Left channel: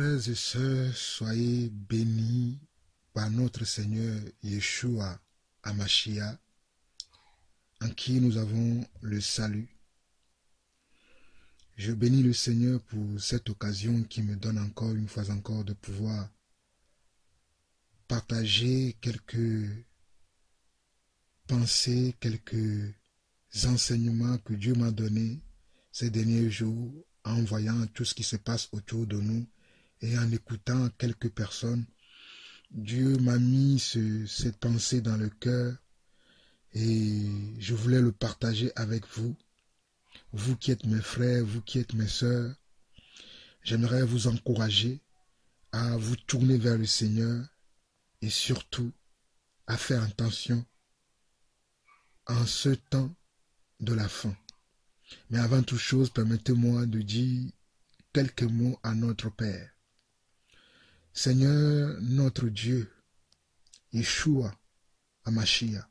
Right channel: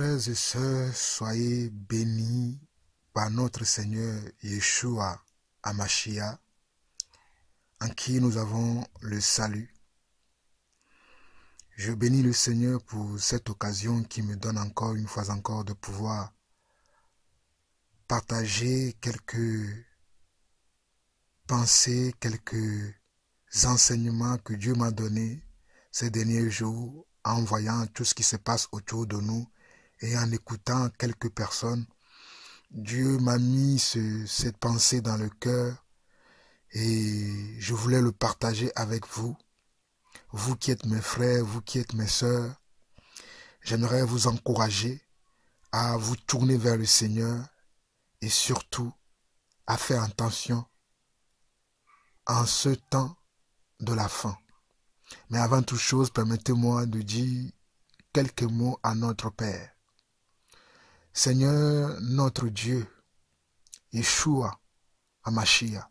frères et sœurs, soyez bénis par notre Seigneur Yeshua Hamashiach, en qui nous avons le salut. Je bénis le Seigneur pour cette occasion qui me donne encore une fois encore de pouvoir partager quelques pensées, quelques enseignements que Dieu m'a donnés ces derniers jours en voyant tout ce qui se passe autour de nous et en écoutant quelques personnes. Dieu m'a mis cette pensée dans le cœur et je voulais le partager avec vous. Vous qui êtes mes frères, vous qui êtes mes sœurs, j'aimerais vous encourager à vous tourner vers le Seigneur et surtout à faire attention en ce temps de la fin. Mais avant toute chose, permettez-moi de dire quelques mots à notre Père. Seigneur, notre Dieu, Yeshua Hamashiach,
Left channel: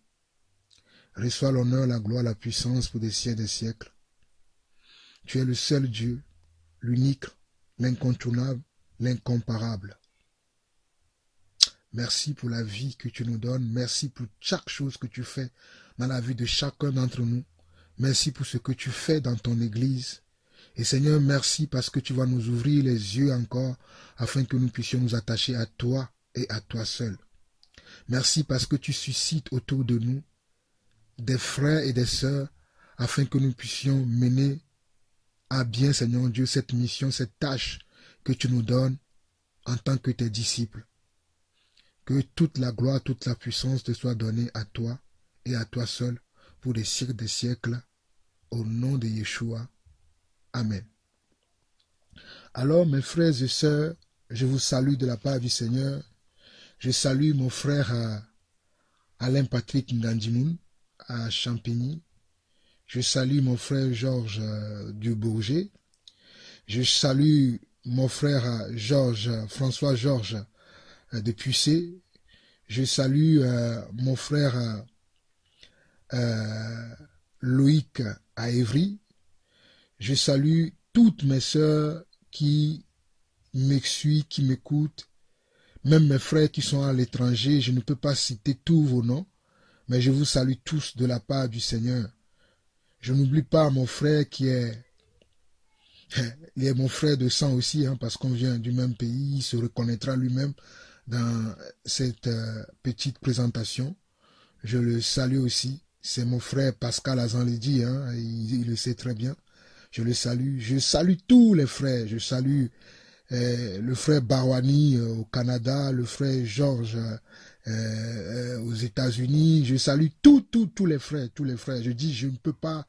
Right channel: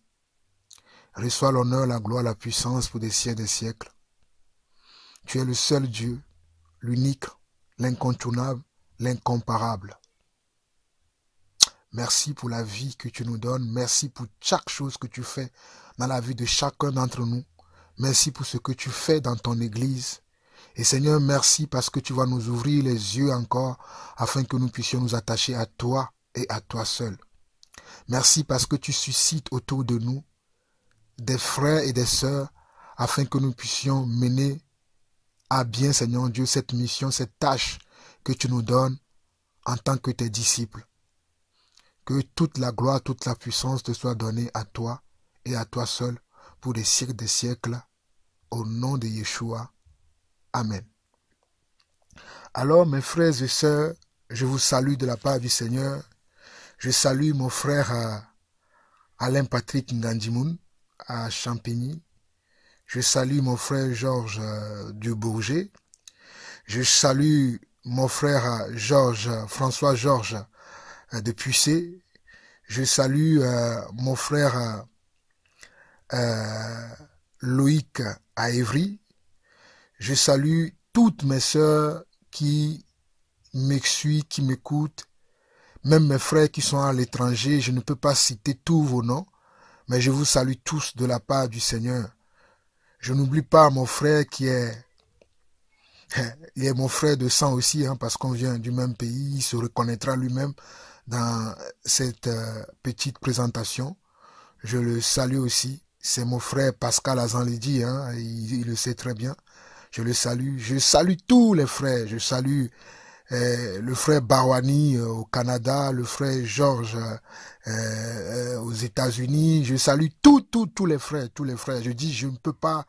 reçois l'honneur, la gloire, la puissance pour des siècles et des siècles. Tu es le seul Dieu, l'unique, l'incontournable, l'incomparable. Merci pour la vie que tu nous donnes. Merci pour chaque chose que tu fais dans la vie de chacun d'entre nous. Merci pour ce que tu fais dans ton Église. Et Seigneur, merci parce que tu vas nous ouvrir les yeux encore afin que nous puissions nous attacher à toi et à toi seul. Merci parce que tu suscites autour de nous des frères et des sœurs afin que nous puissions mener à bien, Seigneur Dieu, cette mission, cette tâche que tu nous donnes en tant que tes disciples. Que toute la gloire, toute la puissance te soit donnée à toi et à toi seul pour des siècles des siècles, au nom de Yeshua. Amen. Alors, mes frères et sœurs, je vous salue de la part du Seigneur. Je salue mon frère Alain Patrick Ngandimoun à Champigny. Je salue mon frère Georges Dubourget. Je salue mon frère François Georges de Puissé. Je salue mon frère Loïc à Évry. Je salue toutes mes sœurs qui me suivent, qui m'écoutent, même mes frères qui sont à l'étranger. Je ne peux pas citer tous vos noms, mais je vous salue tous de la part du Seigneur. Je n'oublie pas mon frère qui est mon frère de sang aussi, parce qu'on vient du même pays. Il se reconnaîtra lui-même dans cette petite présentation. Je le salue aussi. C'est mon frère Pascal Azanledi, il le sait très bien. Je le salue. Je salue tous les frères. Je salue le frère Barwani au Canada, le frère Georges aux États-Unis. Je salue tous les frères, tous les frères. Je dis, je ne peux pas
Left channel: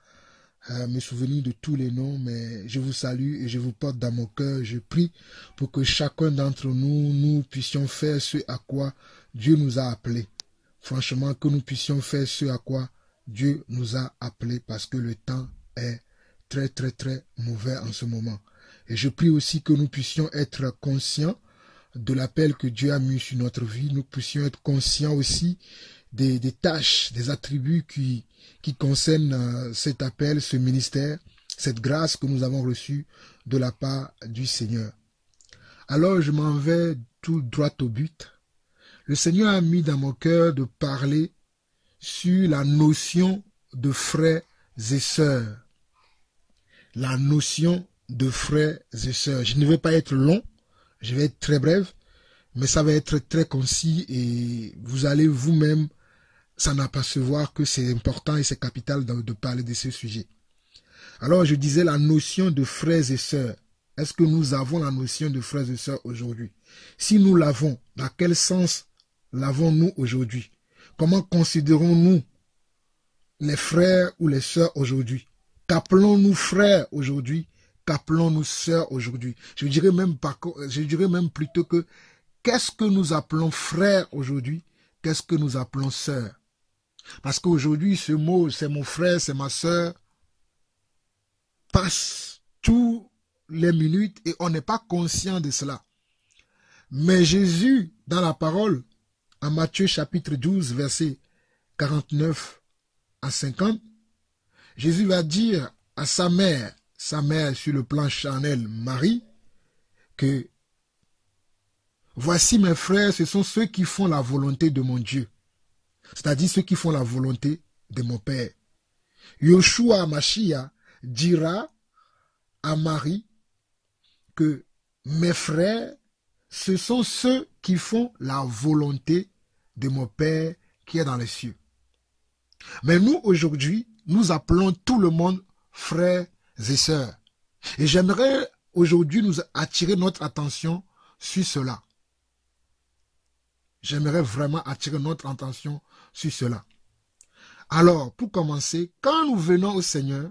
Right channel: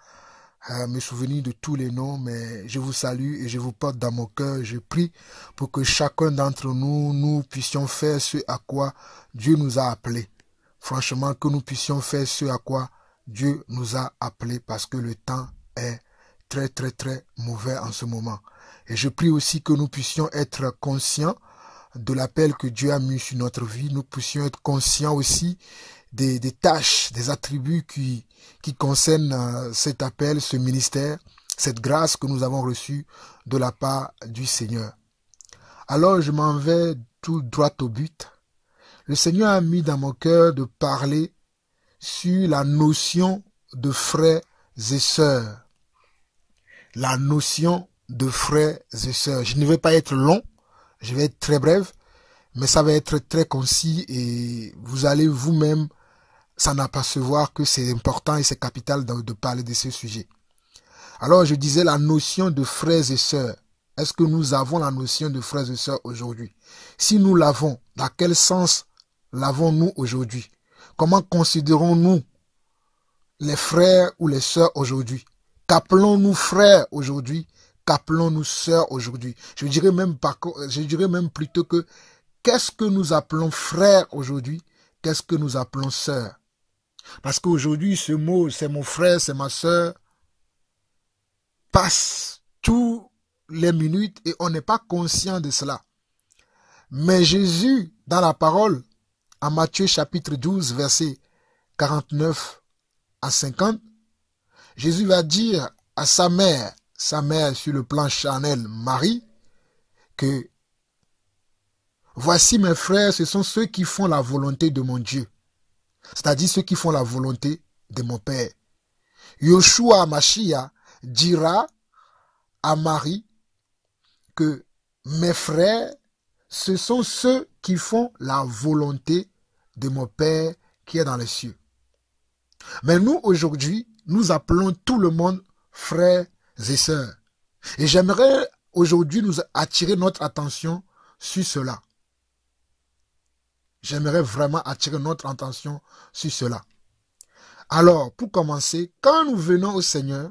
me souvenir de tous les noms, mais je vous salue et je vous porte dans mon cœur. Je prie pour que chacun d'entre nous, nous puissions faire ce à quoi Dieu nous a appelés. Franchement, que nous puissions faire ce à quoi Dieu nous a appelés, parce que le temps est très mauvais en ce moment. Et je prie aussi que nous puissions être conscients de l'appel que Dieu a mis sur notre vie. Nous puissions être conscients aussi des tâches, des attributs qui concernent cet appel, ce ministère, cette grâce que nous avons reçue de la part du Seigneur. Alors je m'en vais tout droit au but. Le Seigneur a mis dans mon cœur de parler sur la notion de frères et sœurs. La notion de frères et sœurs. Je ne vais pas être long, je vais être très bref, mais ça va être très concis et vous allez vous-même s'en apercevoir que c'est important et c'est capital de parler de ce sujet. Alors je disais la notion de frères et sœurs. Est-ce que nous avons la notion de frères et sœurs aujourd'hui? Si nous l'avons, dans quel sens l'avons-nous aujourd'hui? Comment considérons-nous les frères ou les sœurs aujourd'hui? Qu'appelons-nous frères aujourd'hui? Qu'appelons-nous sœurs aujourd'hui? Je dirais même plutôt que qu'est-ce que nous appelons frères aujourd'hui? Qu'est-ce que nous appelons sœurs? Parce qu'aujourd'hui, ce mot, c'est mon frère, c'est ma sœur, passe toutes les minutes et on n'est pas conscient de cela. Mais Jésus, dans la parole, en Matthieu chapitre 12, versets 49 à 50, Jésus va dire à sa mère sur le plan charnel, Marie, que voici mes frères, ce sont ceux qui font la volonté de mon Dieu. C'est-à-dire ceux qui font la volonté de mon Père. Yoshua Mashiach dira à Marie que mes frères, ce sont ceux qui font la volonté de mon Père qui est dans les cieux. Mais nous, aujourd'hui, nous appelons tout le monde frères et sœurs. Et j'aimerais aujourd'hui nous attirer notre attention sur cela. J'aimerais vraiment attirer notre attention sur cela. Alors, pour commencer, quand nous venons au Seigneur,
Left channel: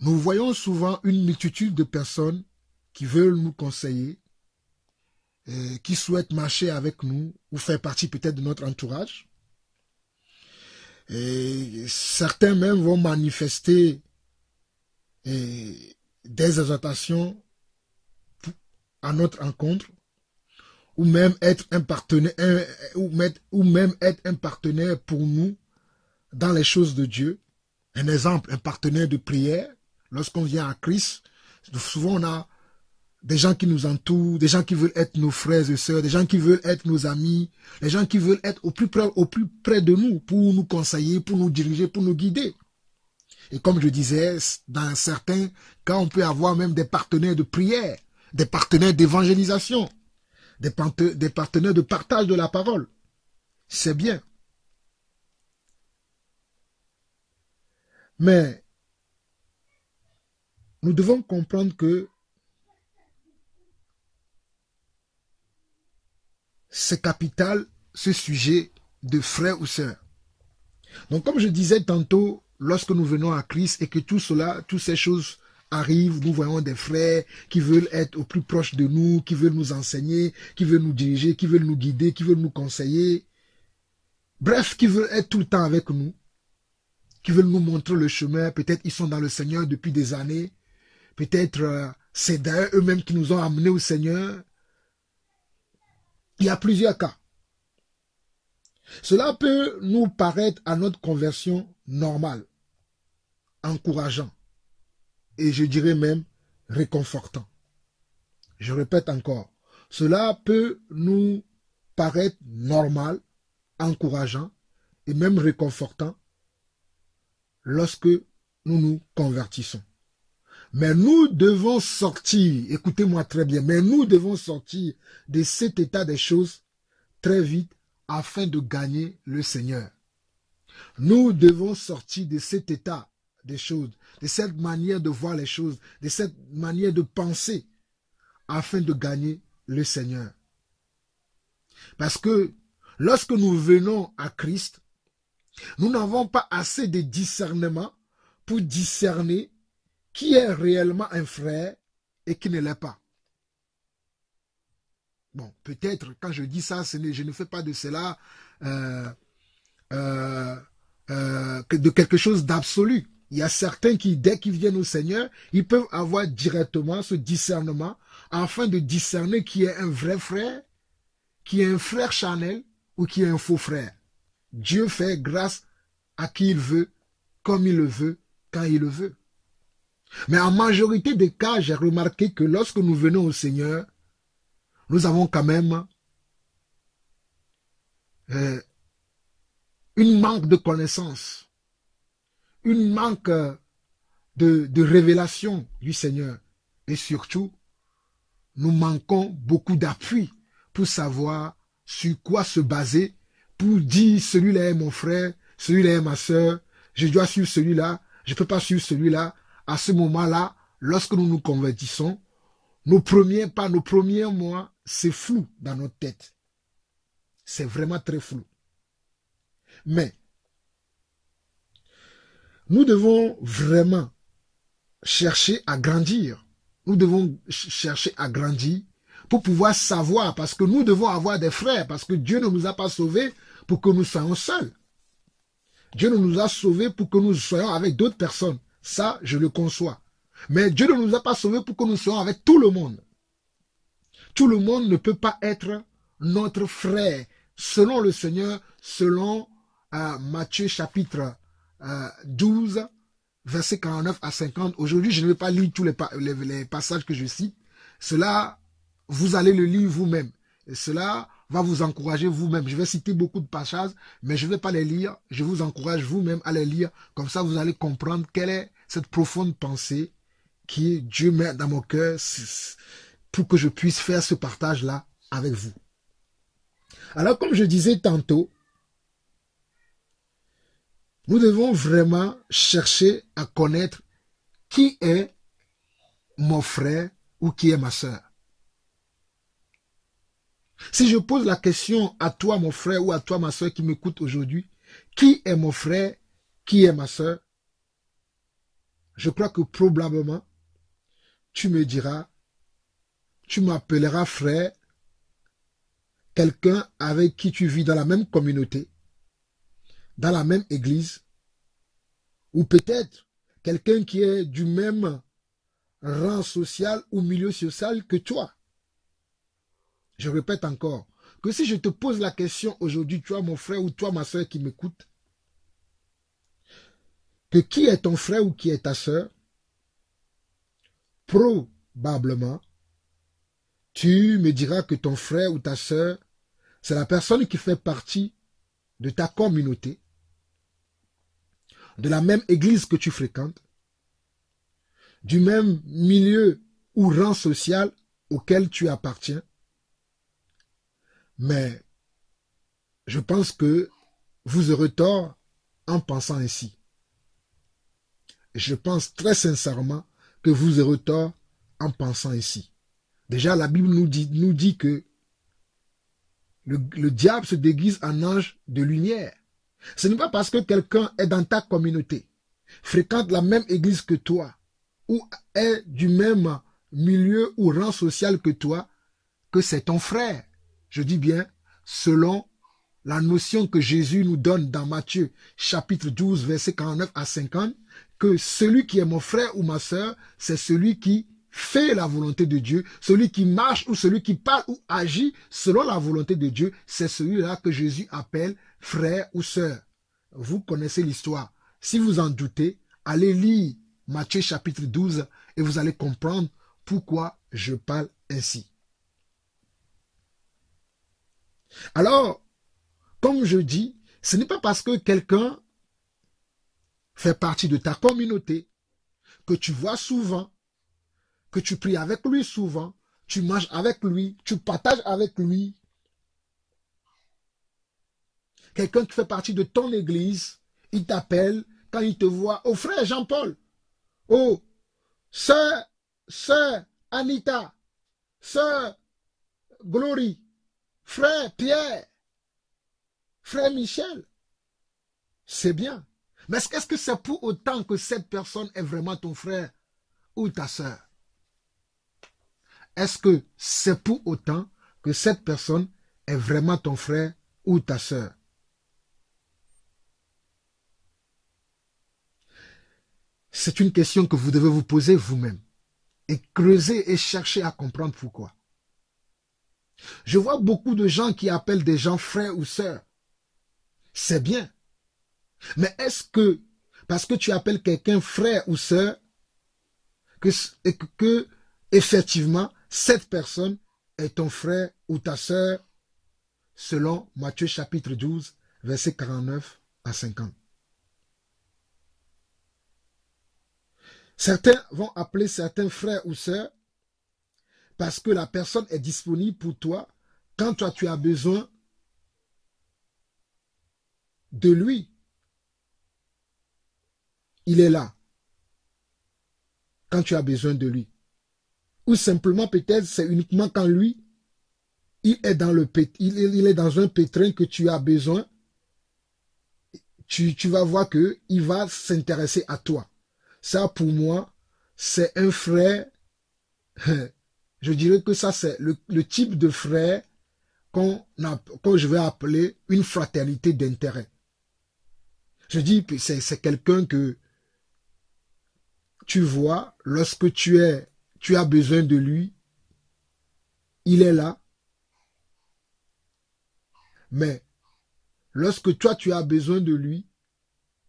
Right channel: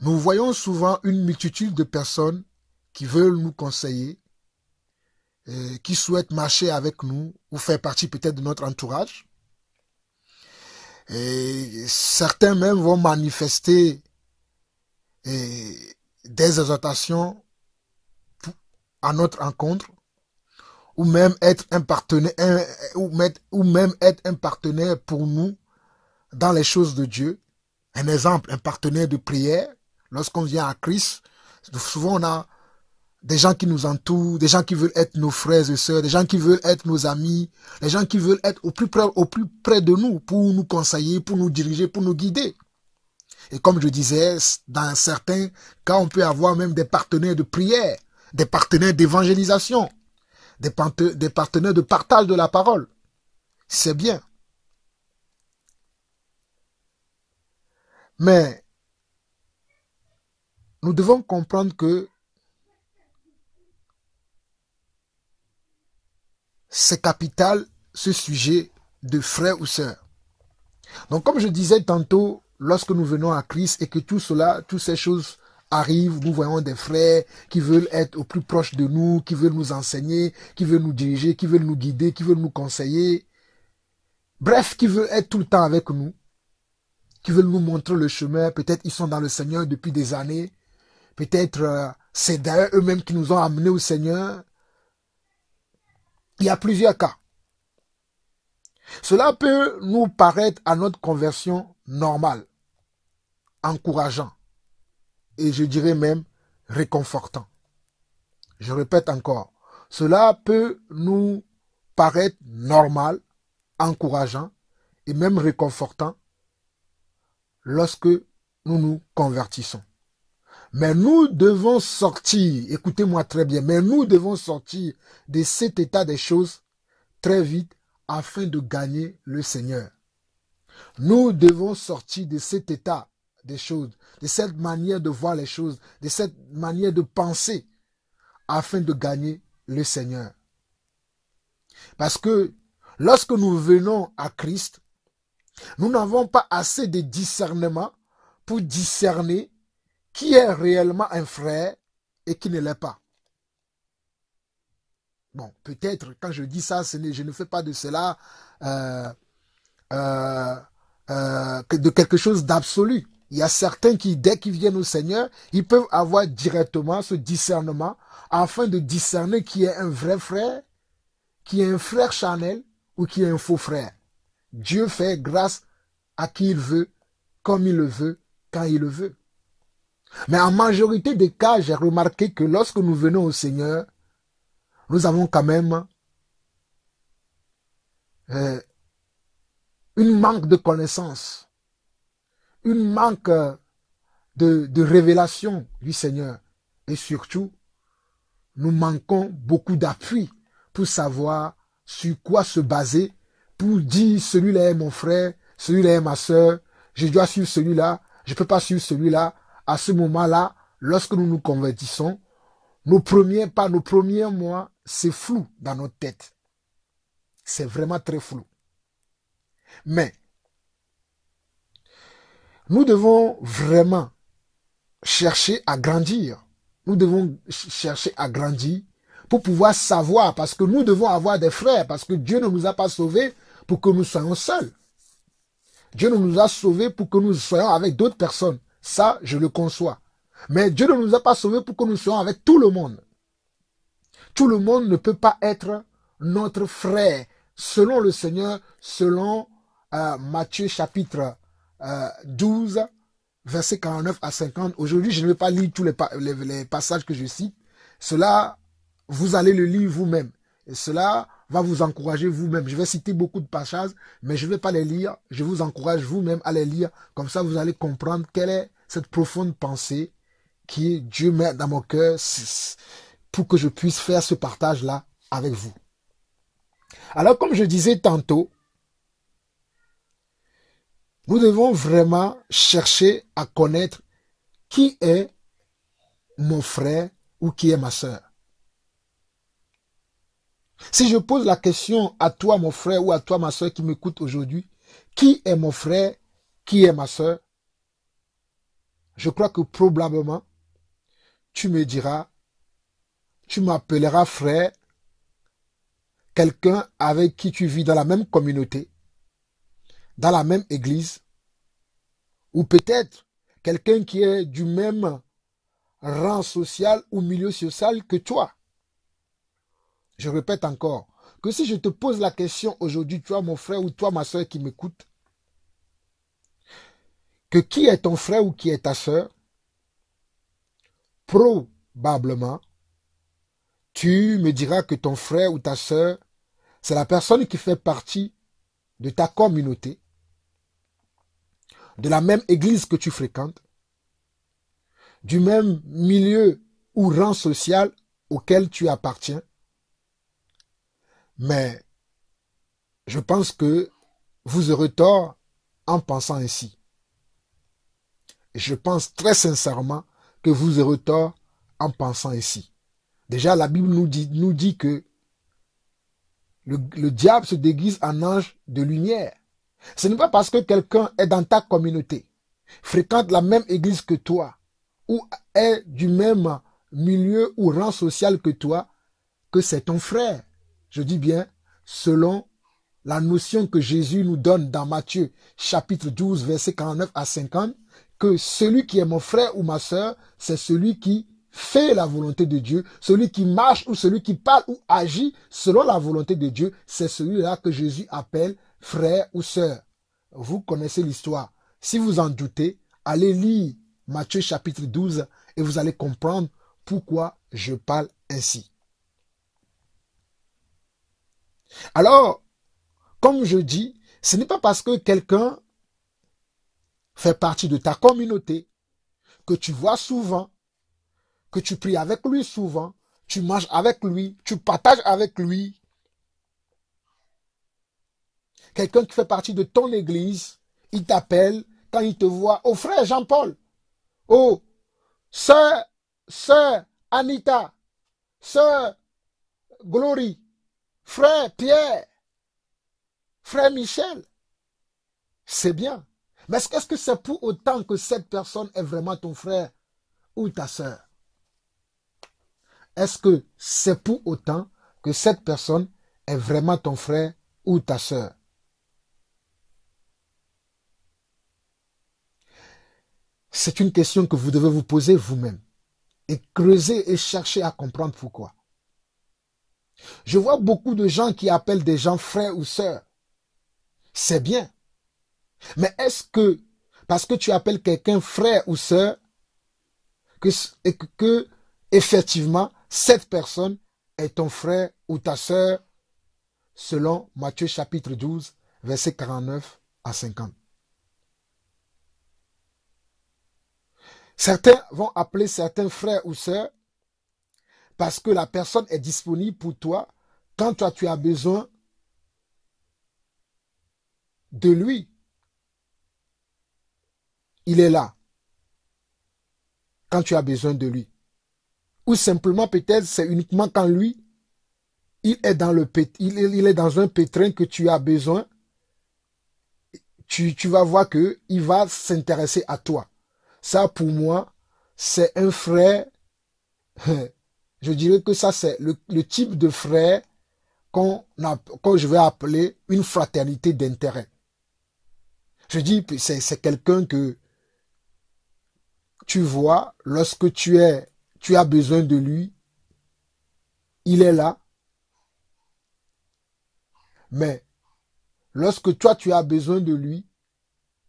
nous voyons souvent une multitude de personnes qui veulent nous conseiller, qui souhaitent marcher avec nous ou faire partie peut-être de notre entourage. Et certains même vont manifester des exhortations à notre rencontre, ou même être un partenaire, ou même être un partenaire pour nous dans les choses de Dieu. Un exemple, un partenaire de prière. Lorsqu'on vient à Christ, souvent on a des gens qui nous entourent, des gens qui veulent être nos frères et sœurs, des gens qui veulent être nos amis, des gens qui veulent être au plus près de nous pour nous conseiller, pour nous diriger, pour nous guider. Et comme je disais, dans certains cas, on peut avoir même des partenaires de prière, des partenaires d'évangélisation, des partenaires de partage de la parole. C'est bien. Mais nous devons comprendre que c'est capital, ce sujet de frères ou sœurs. Donc comme je disais tantôt, lorsque nous venons à Christ et que tout cela, toutes ces choses arrivent, nous voyons des frères qui veulent être au plus proche de nous, qui veulent nous enseigner, qui veulent nous diriger, qui veulent nous guider, qui veulent nous conseiller. Bref, qui veulent être tout le temps avec nous, qui veulent nous montrer le chemin. Peut-être ils sont dans le Seigneur depuis des années. Peut-être c'est d'ailleurs eux-mêmes qui nous ont amenés au Seigneur. Il y a plusieurs cas. Cela peut nous paraître à notre conversion normale, encourageant et je dirais même réconfortant. Je répète encore, cela peut nous paraître normal, encourageant et même réconfortant lorsque nous nous convertissons. Mais nous devons sortir, écoutez-moi très bien, mais nous devons sortir de cet état des choses très vite afin de gagner le Seigneur. Nous devons sortir de cet état des choses, de cette manière de voir les choses, de cette manière de penser afin de gagner le Seigneur. Parce que lorsque nous venons à Christ, nous n'avons pas assez de discernement pour discerner qui est réellement un frère et qui ne l'est pas. Bon, peut-être quand je dis ça, je ne fais pas de cela de quelque chose d'absolu. Il y a certains qui, dès qu'ils viennent au Seigneur, ils peuvent avoir directement ce discernement afin de discerner qui est un vrai frère, qui est un frère charnel ou qui est un faux frère. Dieu fait grâce à qui il veut, comme il le veut, quand il le veut. Mais en majorité des cas, j'ai remarqué que lorsque nous venons au Seigneur, nous avons quand même une manque de connaissance, une manque de révélation du Seigneur. Et surtout, nous manquons beaucoup d'appui pour savoir sur quoi se baser, pour dire celui-là est mon frère, celui-là est ma soeur, je dois suivre celui-là, je ne peux pas suivre celui-là. À ce moment-là, lorsque nous nous convertissons, nos premiers mois, c'est flou dans notre tête. C'est vraiment très flou. Mais, nous devons vraiment chercher à grandir. Nous devons chercher à grandir pour pouvoir savoir, parce que nous devons avoir des frères, parce que Dieu ne nous a pas sauvés pour que nous soyons seuls. Dieu ne nous a sauvés pour que nous soyons avec d'autres personnes. Ça, je le conçois. Mais Dieu ne nous a pas sauvés pour que nous soyons avec tout le monde. Tout le monde ne peut pas être notre frère. Selon le Seigneur, selon Matthieu chapitre 12, versets 49 à 50. Aujourd'hui, je ne vais pas lire tous les passages que je cite. Cela vous allez le lire vous-même. Et cela va vous encourager vous-même. Je vais citer beaucoup de passages, mais je ne vais pas les lire. Je vous encourage vous-même à les lire. Comme ça, vous allez comprendre quelle est cette profonde pensée qui Dieu met dans mon cœur pour que je puisse faire ce partage-là avec vous. Alors, comme je disais tantôt, nous devons vraiment chercher à connaître qui est mon frère ou qui est ma sœur. Si je pose la question à toi, mon frère, ou à toi, ma sœur, qui m'écoute aujourd'hui, qui est mon frère, qui est ma sœur, je crois que probablement, tu me diras, tu m'appelleras frère, quelqu'un avec qui tu vis dans la même communauté, dans la même église, ou peut-être quelqu'un qui est du même rang social ou milieu social que toi. Je répète encore, que si je te pose la question aujourd'hui, toi mon frère ou toi ma soeur qui m'écoute, que qui est ton frère ou qui est ta soeur, probablement, tu me diras que ton frère ou ta soeur, c'est la personne qui fait partie de ta communauté, de la même église que tu fréquentes, du même milieu ou rang social auquel tu appartiens. Mais je pense que vous aurez tort en pensant ainsi. Je pense très sincèrement que vous aurez tort en pensant ainsi. Déjà, la Bible nous dit que le diable se déguise en ange de lumière. Ce n'est pas parce que quelqu'un est dans ta communauté, fréquente la même église que toi, ou est du même milieu ou rang social que toi, que c'est ton frère. Je dis bien, selon la notion que Jésus nous donne dans Matthieu, chapitre 12, versets 49 à 50, que celui qui est mon frère ou ma sœur, c'est celui qui fait la volonté de Dieu, celui qui marche ou celui qui parle ou agit selon la volonté de Dieu, c'est celui-là que Jésus appelle frère ou sœur. Vous connaissez l'histoire. Si vous en doutez, allez lire Matthieu chapitre 12 et vous allez comprendre pourquoi je parle ainsi. Alors, comme je dis, ce n'est pas parce que quelqu'un fait partie de ta communauté, que tu vois souvent, que tu pries avec lui souvent, tu manges avec lui, tu partages avec lui. Quelqu'un qui fait partie de ton église, il t'appelle quand il te voit. Oh frère Jean-Paul, oh sœur Anita, sœur Glory, frère Pierre, frère Michel. C'est bien. Mais est-ce que c'est pour autant que cette personne est vraiment ton frère ou ta sœur? Est-ce que c'est pour autant que cette personne est vraiment ton frère ou ta sœur? C'est une question que vous devez vous poser vous-même et creuser et chercher à comprendre pourquoi. Je vois beaucoup de gens qui appellent des gens frères ou sœurs. C'est bien. Mais est-ce que, parce que tu appelles quelqu'un frère ou sœur, que effectivement, cette personne est ton frère ou ta sœur, selon Matthieu chapitre 12, versets 49 à 50. Certains vont appeler certains frères ou sœurs parce que la personne est disponible pour toi quand toi tu as besoin de lui. Il est là quand tu as besoin de lui. Ou simplement peut-être c'est uniquement quand lui, il est dans un pétrin que tu as besoin, tu vas voir qu'il va s'intéresser à toi. Ça, pour moi, c'est un frère, je dirais que ça, c'est le type de frère qu'on je vais appeler une fraternité d'intérêt. Je dis, c'est quelqu'un que tu vois, lorsque tu as besoin de lui, il est là. Mais lorsque toi, tu as besoin de lui,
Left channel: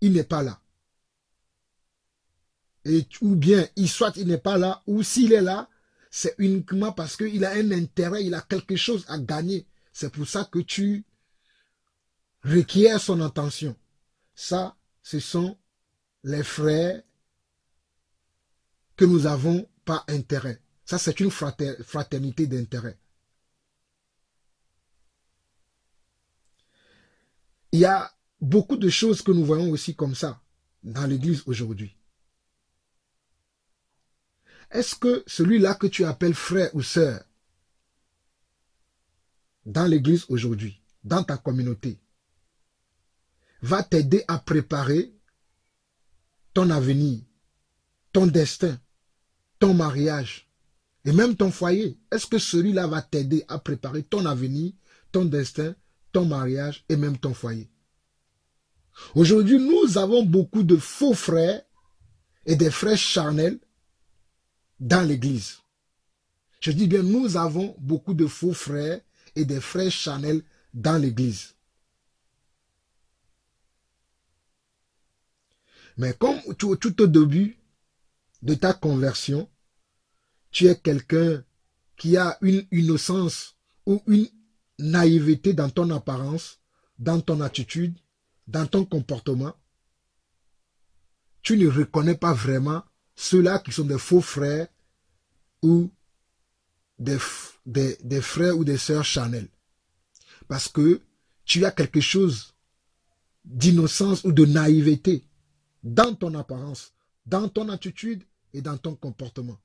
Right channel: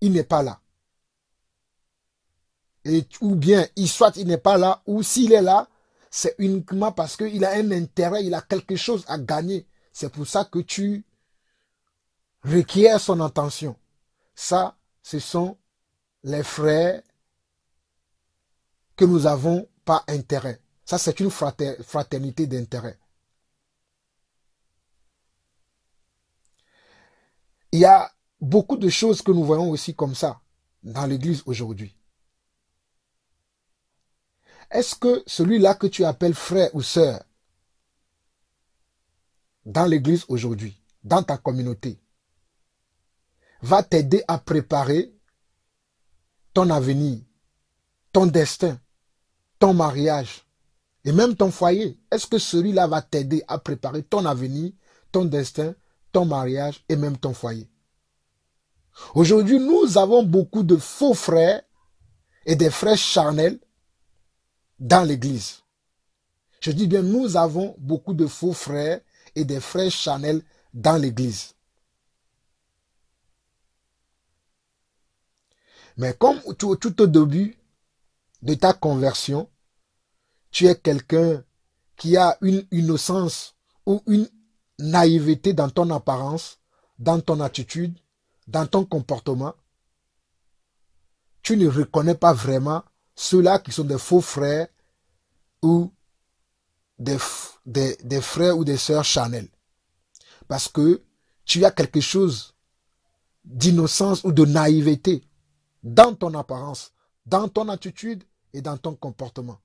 il n'est pas là. Ou bien, soit il n'est pas là, ou s'il est là, c'est uniquement parce qu'il a un intérêt, il a quelque chose à gagner. C'est pour ça que tu requiers son attention. Ça, ce sont les frères que nous avons par intérêt. Ça, c'est une fraternité d'intérêt. Il y a beaucoup de choses que nous voyons aussi comme ça dans l'Église aujourd'hui. Est-ce que celui-là que tu appelles frère ou sœur dans l'Église aujourd'hui, dans ta communauté, va t'aider à préparer ton avenir, ton destin, ton mariage et même ton foyer? Est-ce que celui-là va t'aider à préparer ton avenir, ton destin, ton mariage et même ton foyer? Aujourd'hui, nous avons beaucoup de faux frères et des frères charnels dans l'Église. Je dis bien, nous avons beaucoup de faux frères et des frères charnels dans l'Église. Mais comme tout au début de ta conversion, tu es quelqu'un qui a une innocence ou une naïveté dans ton apparence, dans ton attitude, dans ton comportement, tu ne reconnais pas vraiment ceux-là qui sont des faux frères ou des frères ou des sœurs charnels. Parce que tu as quelque chose d'innocence ou de naïveté dans ton apparence, dans ton attitude et dans ton comportement.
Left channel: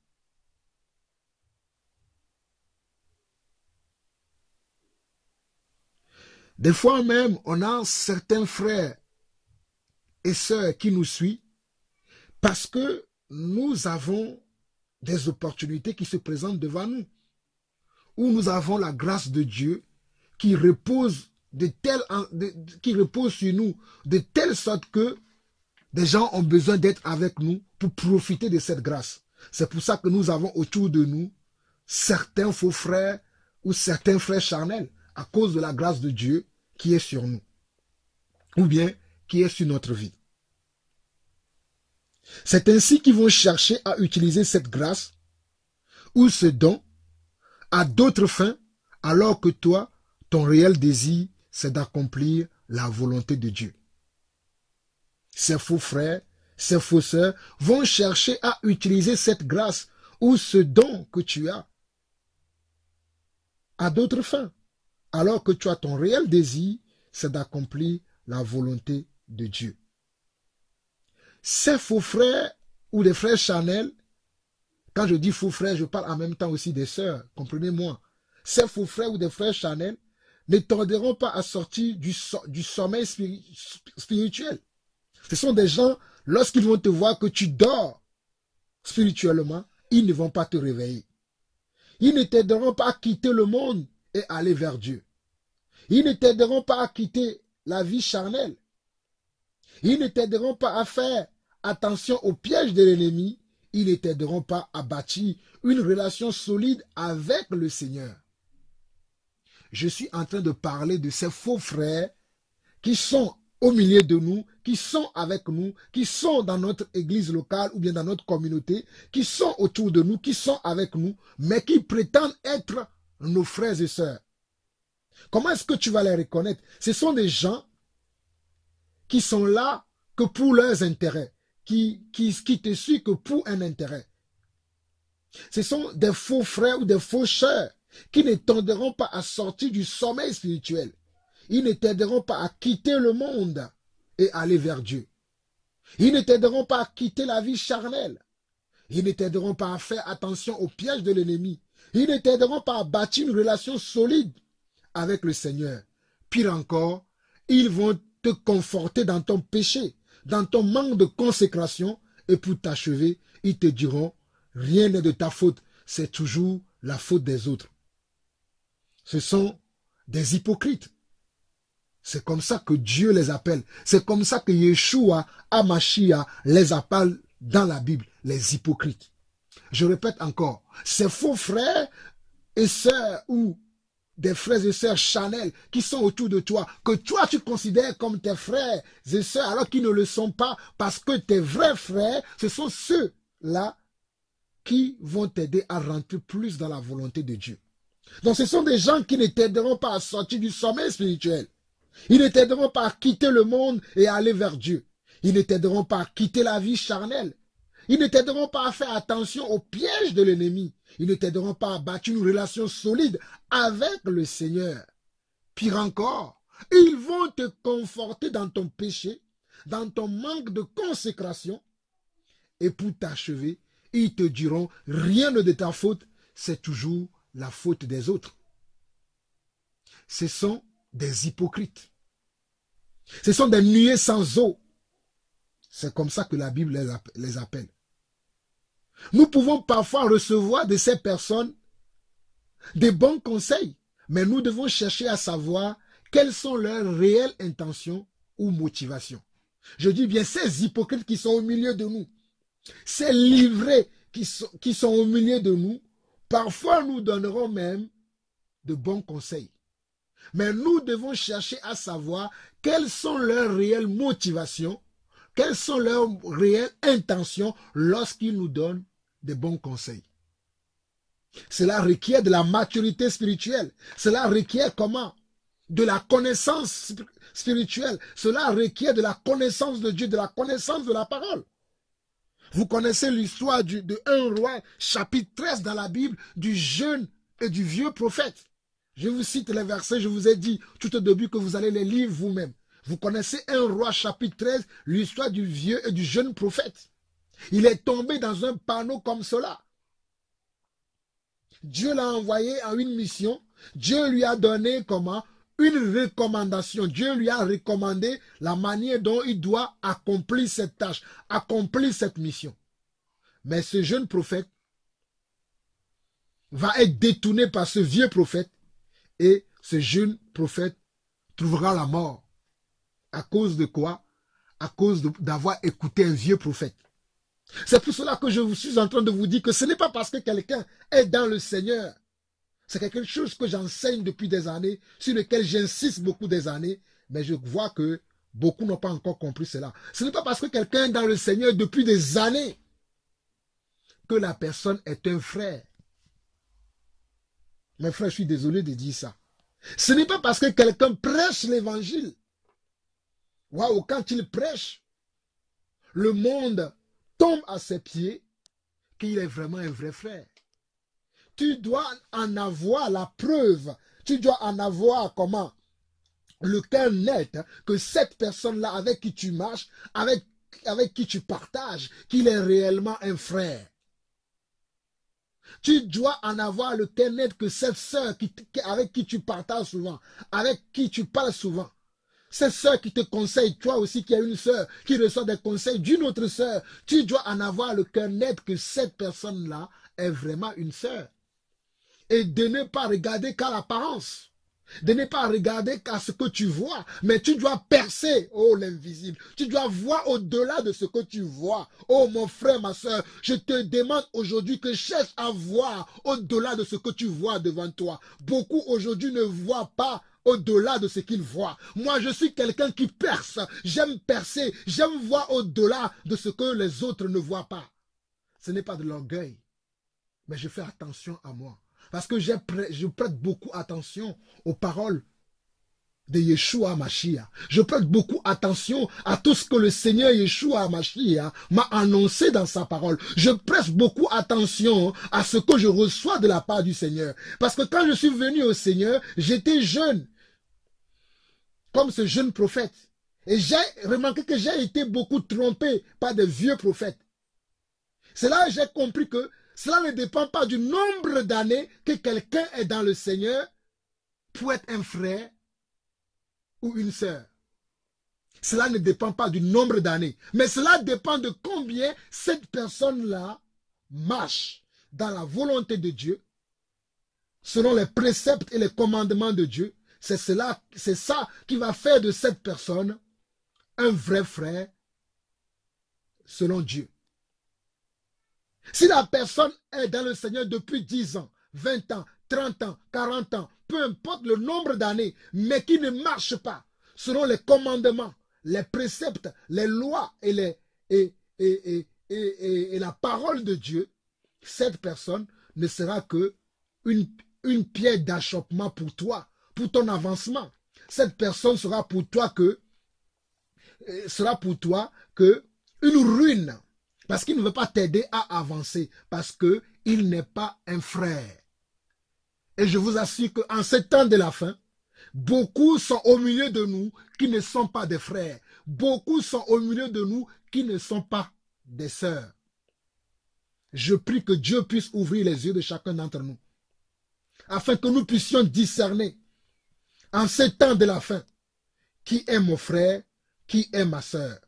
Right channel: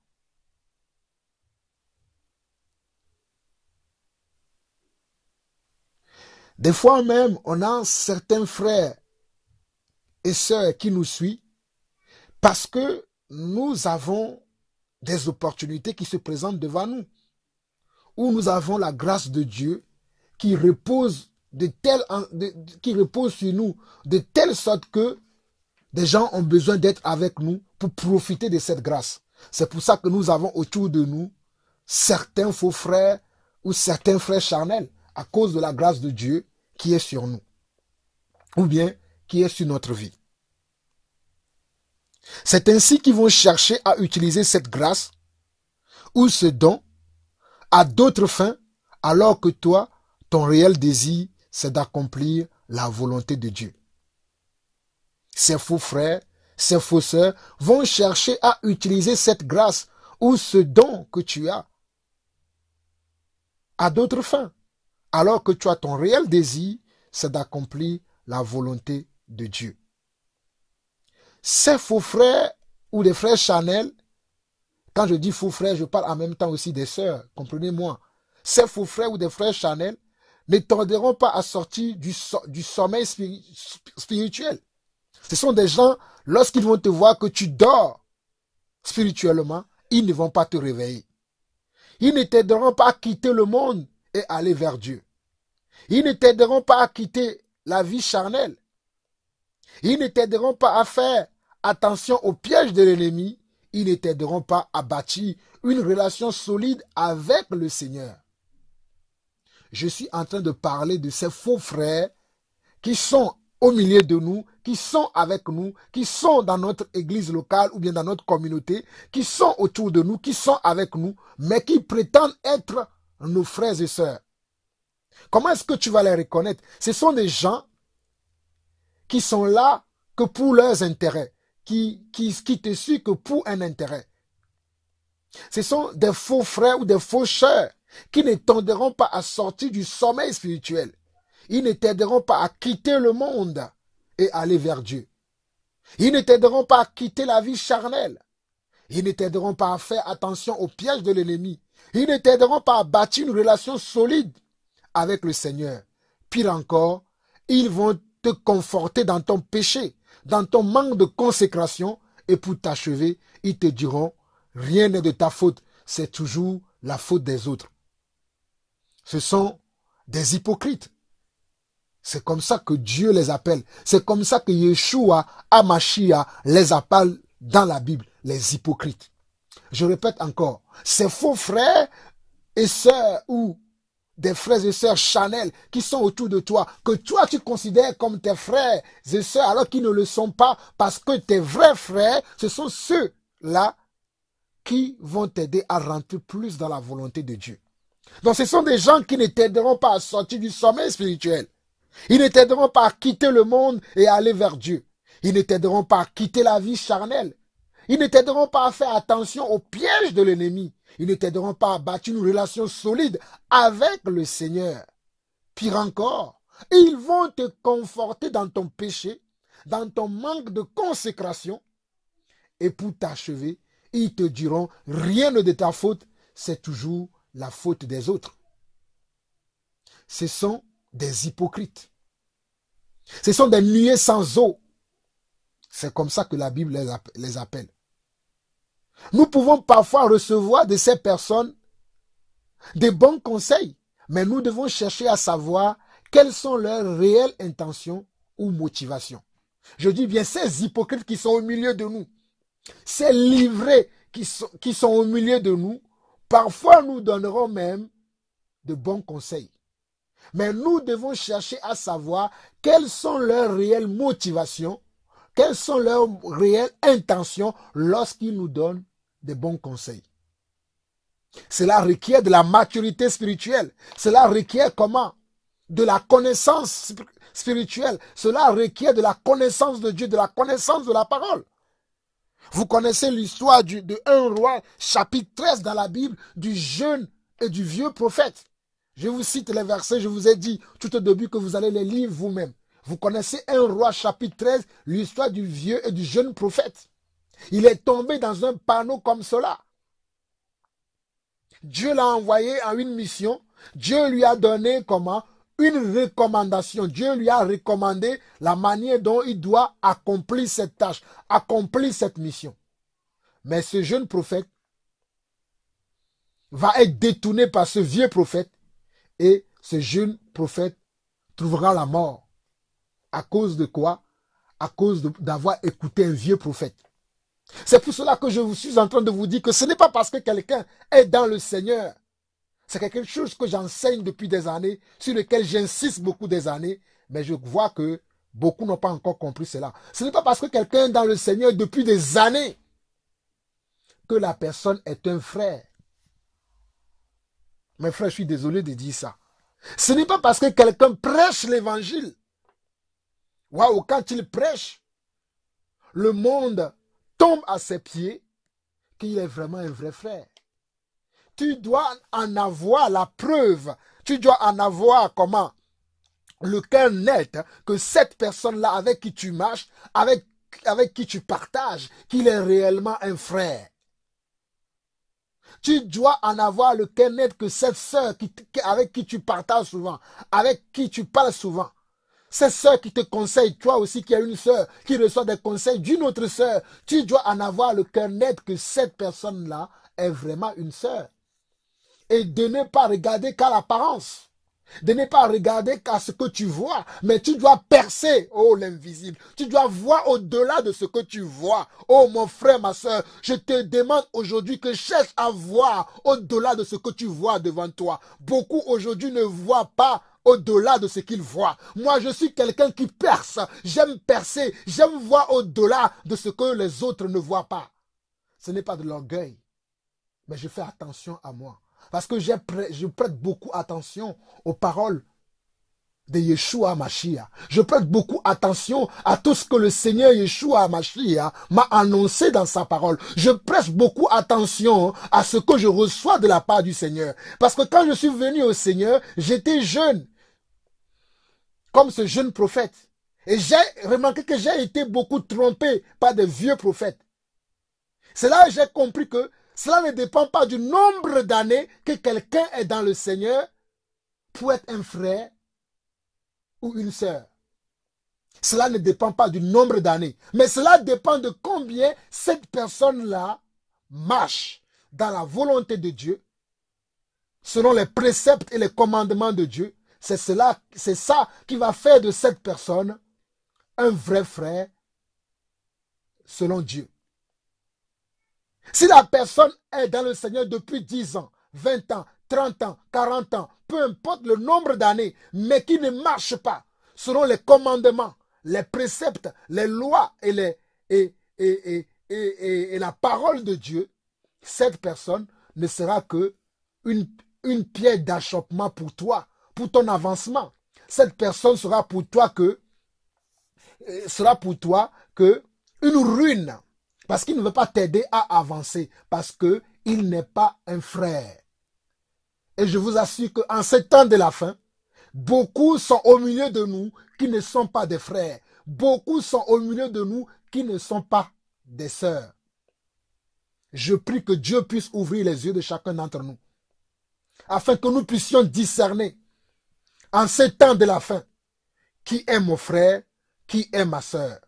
Des fois même, on a certains frères et sœurs qui nous suivent parce que nous avons des opportunités qui se présentent devant nous, où nous avons la grâce de Dieu qui repose sur nous de telle sorte que des gens ont besoin d'être avec nous pour profiter de cette grâce. C'est pour ça que nous avons autour de nous certains faux frères ou certains frères charnels à cause de la grâce de Dieu qui est sur nous ou bien qui est sur notre vie. C'est ainsi qu'ils vont chercher à utiliser cette grâce ou ce don à d'autres fins, alors que toi, ton réel désir, c'est d'accomplir la volonté de Dieu. Ces faux frères, ces faux sœurs vont chercher à utiliser cette grâce ou ce don que tu as à d'autres fins, alors que toi, ton réel désir, c'est d'accomplir la volonté de Dieu. Ces faux frères ou des frères charnels, quand je dis faux frères, je parle en même temps aussi des sœurs, comprenez-moi. Ces faux frères ou des frères charnels ne tarderont pas à sortir du sommeil spirituel. Ce sont des gens, lorsqu'ils vont te voir que tu dors spirituellement, ils ne vont pas te réveiller. Ils ne t'aideront pas à quitter le monde et aller vers Dieu. Ils ne t'aideront pas à quitter la vie charnelle. Ils ne t'aideront pas à faire attention aux pièges de l'ennemi. Ils ne t'aideront pas à bâtir une relation solide avec le Seigneur. Je suis en train de parler de ces faux frères qui sont au milieu de nous, qui sont avec nous, qui sont dans notre église locale ou bien dans notre communauté, qui sont autour de nous, qui sont avec nous, mais qui prétendent être nos frères et sœurs. Comment est-ce que tu vas les reconnaître? Ce sont des gens qui sont là que pour leurs intérêts, qui te suivent que pour un intérêt. Ce sont des faux frères ou des faux sœurs qui ne t'aideront pas à sortir du sommeil spirituel. Ils ne t'aideront pas à quitter le monde et aller vers Dieu. Ils ne t'aideront pas à quitter la vie charnelle. Ils ne t'aideront pas à faire attention aux pièges de l'ennemi. Ils ne t'aideront pas à bâtir une relation solide avec le Seigneur. Pire encore, ils vont te conforter dans ton péché, dans ton manque de consécration, et pour t'achever, ils te diront, rien n'est de ta faute, c'est toujours la faute des autres. Ce sont des hypocrites. C'est comme ça que Dieu les appelle. C'est comme ça que Yeshua, Hamashiach, les appelle dans la Bible, les hypocrites. Je répète encore, ces faux frères et sœurs ou des frères et sœurs charnels qui sont autour de toi, que toi tu considères comme tes frères et sœurs alors qu'ils ne le sont pas, parce que tes vrais frères, ce sont ceux-là qui vont t'aider à rentrer plus dans la volonté de Dieu. Donc ce sont des gens qui ne t'aideront pas à sortir du sommeil spirituel. Ils ne t'aideront pas à quitter le monde et à aller vers Dieu. Ils ne t'aideront pas à quitter la vie charnelle. Ils ne t'aideront pas à faire attention aux pièges de l'ennemi. Ils ne t'aideront pas à bâtir une relation solide avec le Seigneur. Pire encore, ils vont te conforter dans ton péché, dans ton manque de consécration. Et pour t'achever, ils te diront, rien ne de ta faute, c'est toujours la faute des autres. Ce sont des hypocrites. Ce sont des nuées sans eau. C'est comme ça que la Bible les appelle. Nous pouvons parfois recevoir de ces personnes des bons conseils, mais nous devons chercher à savoir quelles sont leurs réelles intentions ou motivations. Je dis bien ces hypocrites qui sont au milieu de nous, ces livrés qui sont au milieu de nous, parfois nous donneront même de bons conseils. Mais nous devons chercher à savoir quelles sont leurs réelles motivations, quelles sont leurs réelles intentions lorsqu'ils nous donnent des bons conseils. Cela requiert de la maturité spirituelle. Cela requiert comment? De la connaissance spirituelle. Cela requiert de la connaissance de Dieu, de la connaissance de la parole. Vous connaissez l'histoire de 1 Roi, chapitre 13 dans la Bible, du jeune et du vieux prophète. Je vous cite les versets, je vous ai dit tout au début que vous allez les lire vous-même. Vous connaissez 1 Roi, chapitre 13, l'histoire du vieux et du jeune prophète. Il est tombé dans un panneau comme cela. Dieu l'a envoyé en une mission. Dieu lui a donné comment? Une recommandation. Dieu lui a recommandé la manière dont il doit accomplir cette tâche, accomplir cette mission. Mais ce jeune prophète va être détourné par ce vieux prophète et ce jeune prophète trouvera la mort. À cause de quoi? À cause d'avoir écouté un vieux prophète. C'est pour cela que je suis en train de vous dire que ce n'est pas parce que quelqu'un est dans le Seigneur. C'est quelque chose que j'enseigne depuis des années, sur lequel j'insiste beaucoup des années, mais je vois que beaucoup n'ont pas encore compris cela. Ce n'est pas parce que quelqu'un est dans le Seigneur depuis des années que la personne est un frère. Mes frères, je suis désolé de dire ça. Ce n'est pas parce que quelqu'un prêche l'évangile. Waouh, quand il prêche, le monde tombe à ses pieds, qu'il est vraiment un vrai frère. Tu dois en avoir la preuve. Tu dois en avoir comment? Le cœur net que cette personne-là avec qui tu marches, avec qui tu partages, qu'il est réellement un frère. Tu dois en avoir le cœur net que cette sœur avec qui tu partages souvent, avec qui tu parles souvent, cette sœur qui te conseille, toi aussi qui as une sœur, qui reçoit des conseils d'une autre sœur, tu dois en avoir le cœur net que cette personne-là est vraiment une sœur. Et de ne pas regarder qu'à l'apparence, de ne pas regarder qu'à ce que tu vois, mais tu dois percer, oh l'invisible, tu dois voir au-delà de ce que tu vois. Oh mon frère, ma soeur, je te demande aujourd'hui que cherche à voir au-delà de ce que tu vois devant toi. Beaucoup aujourd'hui ne voient pas au-delà de ce qu'ils voient. Moi, je suis quelqu'un qui perce, j'aime percer, j'aime voir au-delà de ce que les autres ne voient pas. Ce n'est pas de l'orgueil, mais je fais attention à moi. Parce que je prête beaucoup attention aux paroles de Yeshua Mashiach. Je prête beaucoup attention à tout ce que le Seigneur Yeshua Mashiach m'a annoncé dans sa parole. Je prête beaucoup attention à ce que je reçois de la part du Seigneur. Parce que quand je suis venu au Seigneur, j'étais jeune, comme ce jeune prophète. Et j'ai remarqué que j'ai été beaucoup trompé par de vieux prophètes. C'est là que j'ai compris que cela ne dépend pas du nombre d'années que quelqu'un est dans le Seigneur pour être un frère ou une sœur. Cela ne dépend pas du nombre d'années, mais cela dépend de combien cette personne-là marche dans la volonté de Dieu, selon les préceptes et les commandements de Dieu. C'est ça qui va faire de cette personne un vrai frère selon Dieu. Si la personne est dans le Seigneur depuis 10 ans, 20 ans, 30 ans, 40 ans, peu importe le nombre d'années, mais qui ne marche pas selon les commandements, les préceptes, les lois et la parole de Dieu, cette personne ne sera que une pierre d'achoppement pour toi, pour ton avancement. Cette personne sera pour toi que une ruine, parce qu'il ne veut pas t'aider à avancer, parce qu'il n'est pas un frère. Et je vous assure qu'en ce temps de la fin, beaucoup sont au milieu de nous qui ne sont pas des frères. Beaucoup sont au milieu de nous qui ne sont pas des sœurs. Je prie que Dieu puisse ouvrir les yeux de chacun d'entre nous, afin que nous puissions discerner en ce temps de la fin qui est mon frère, qui est ma sœur.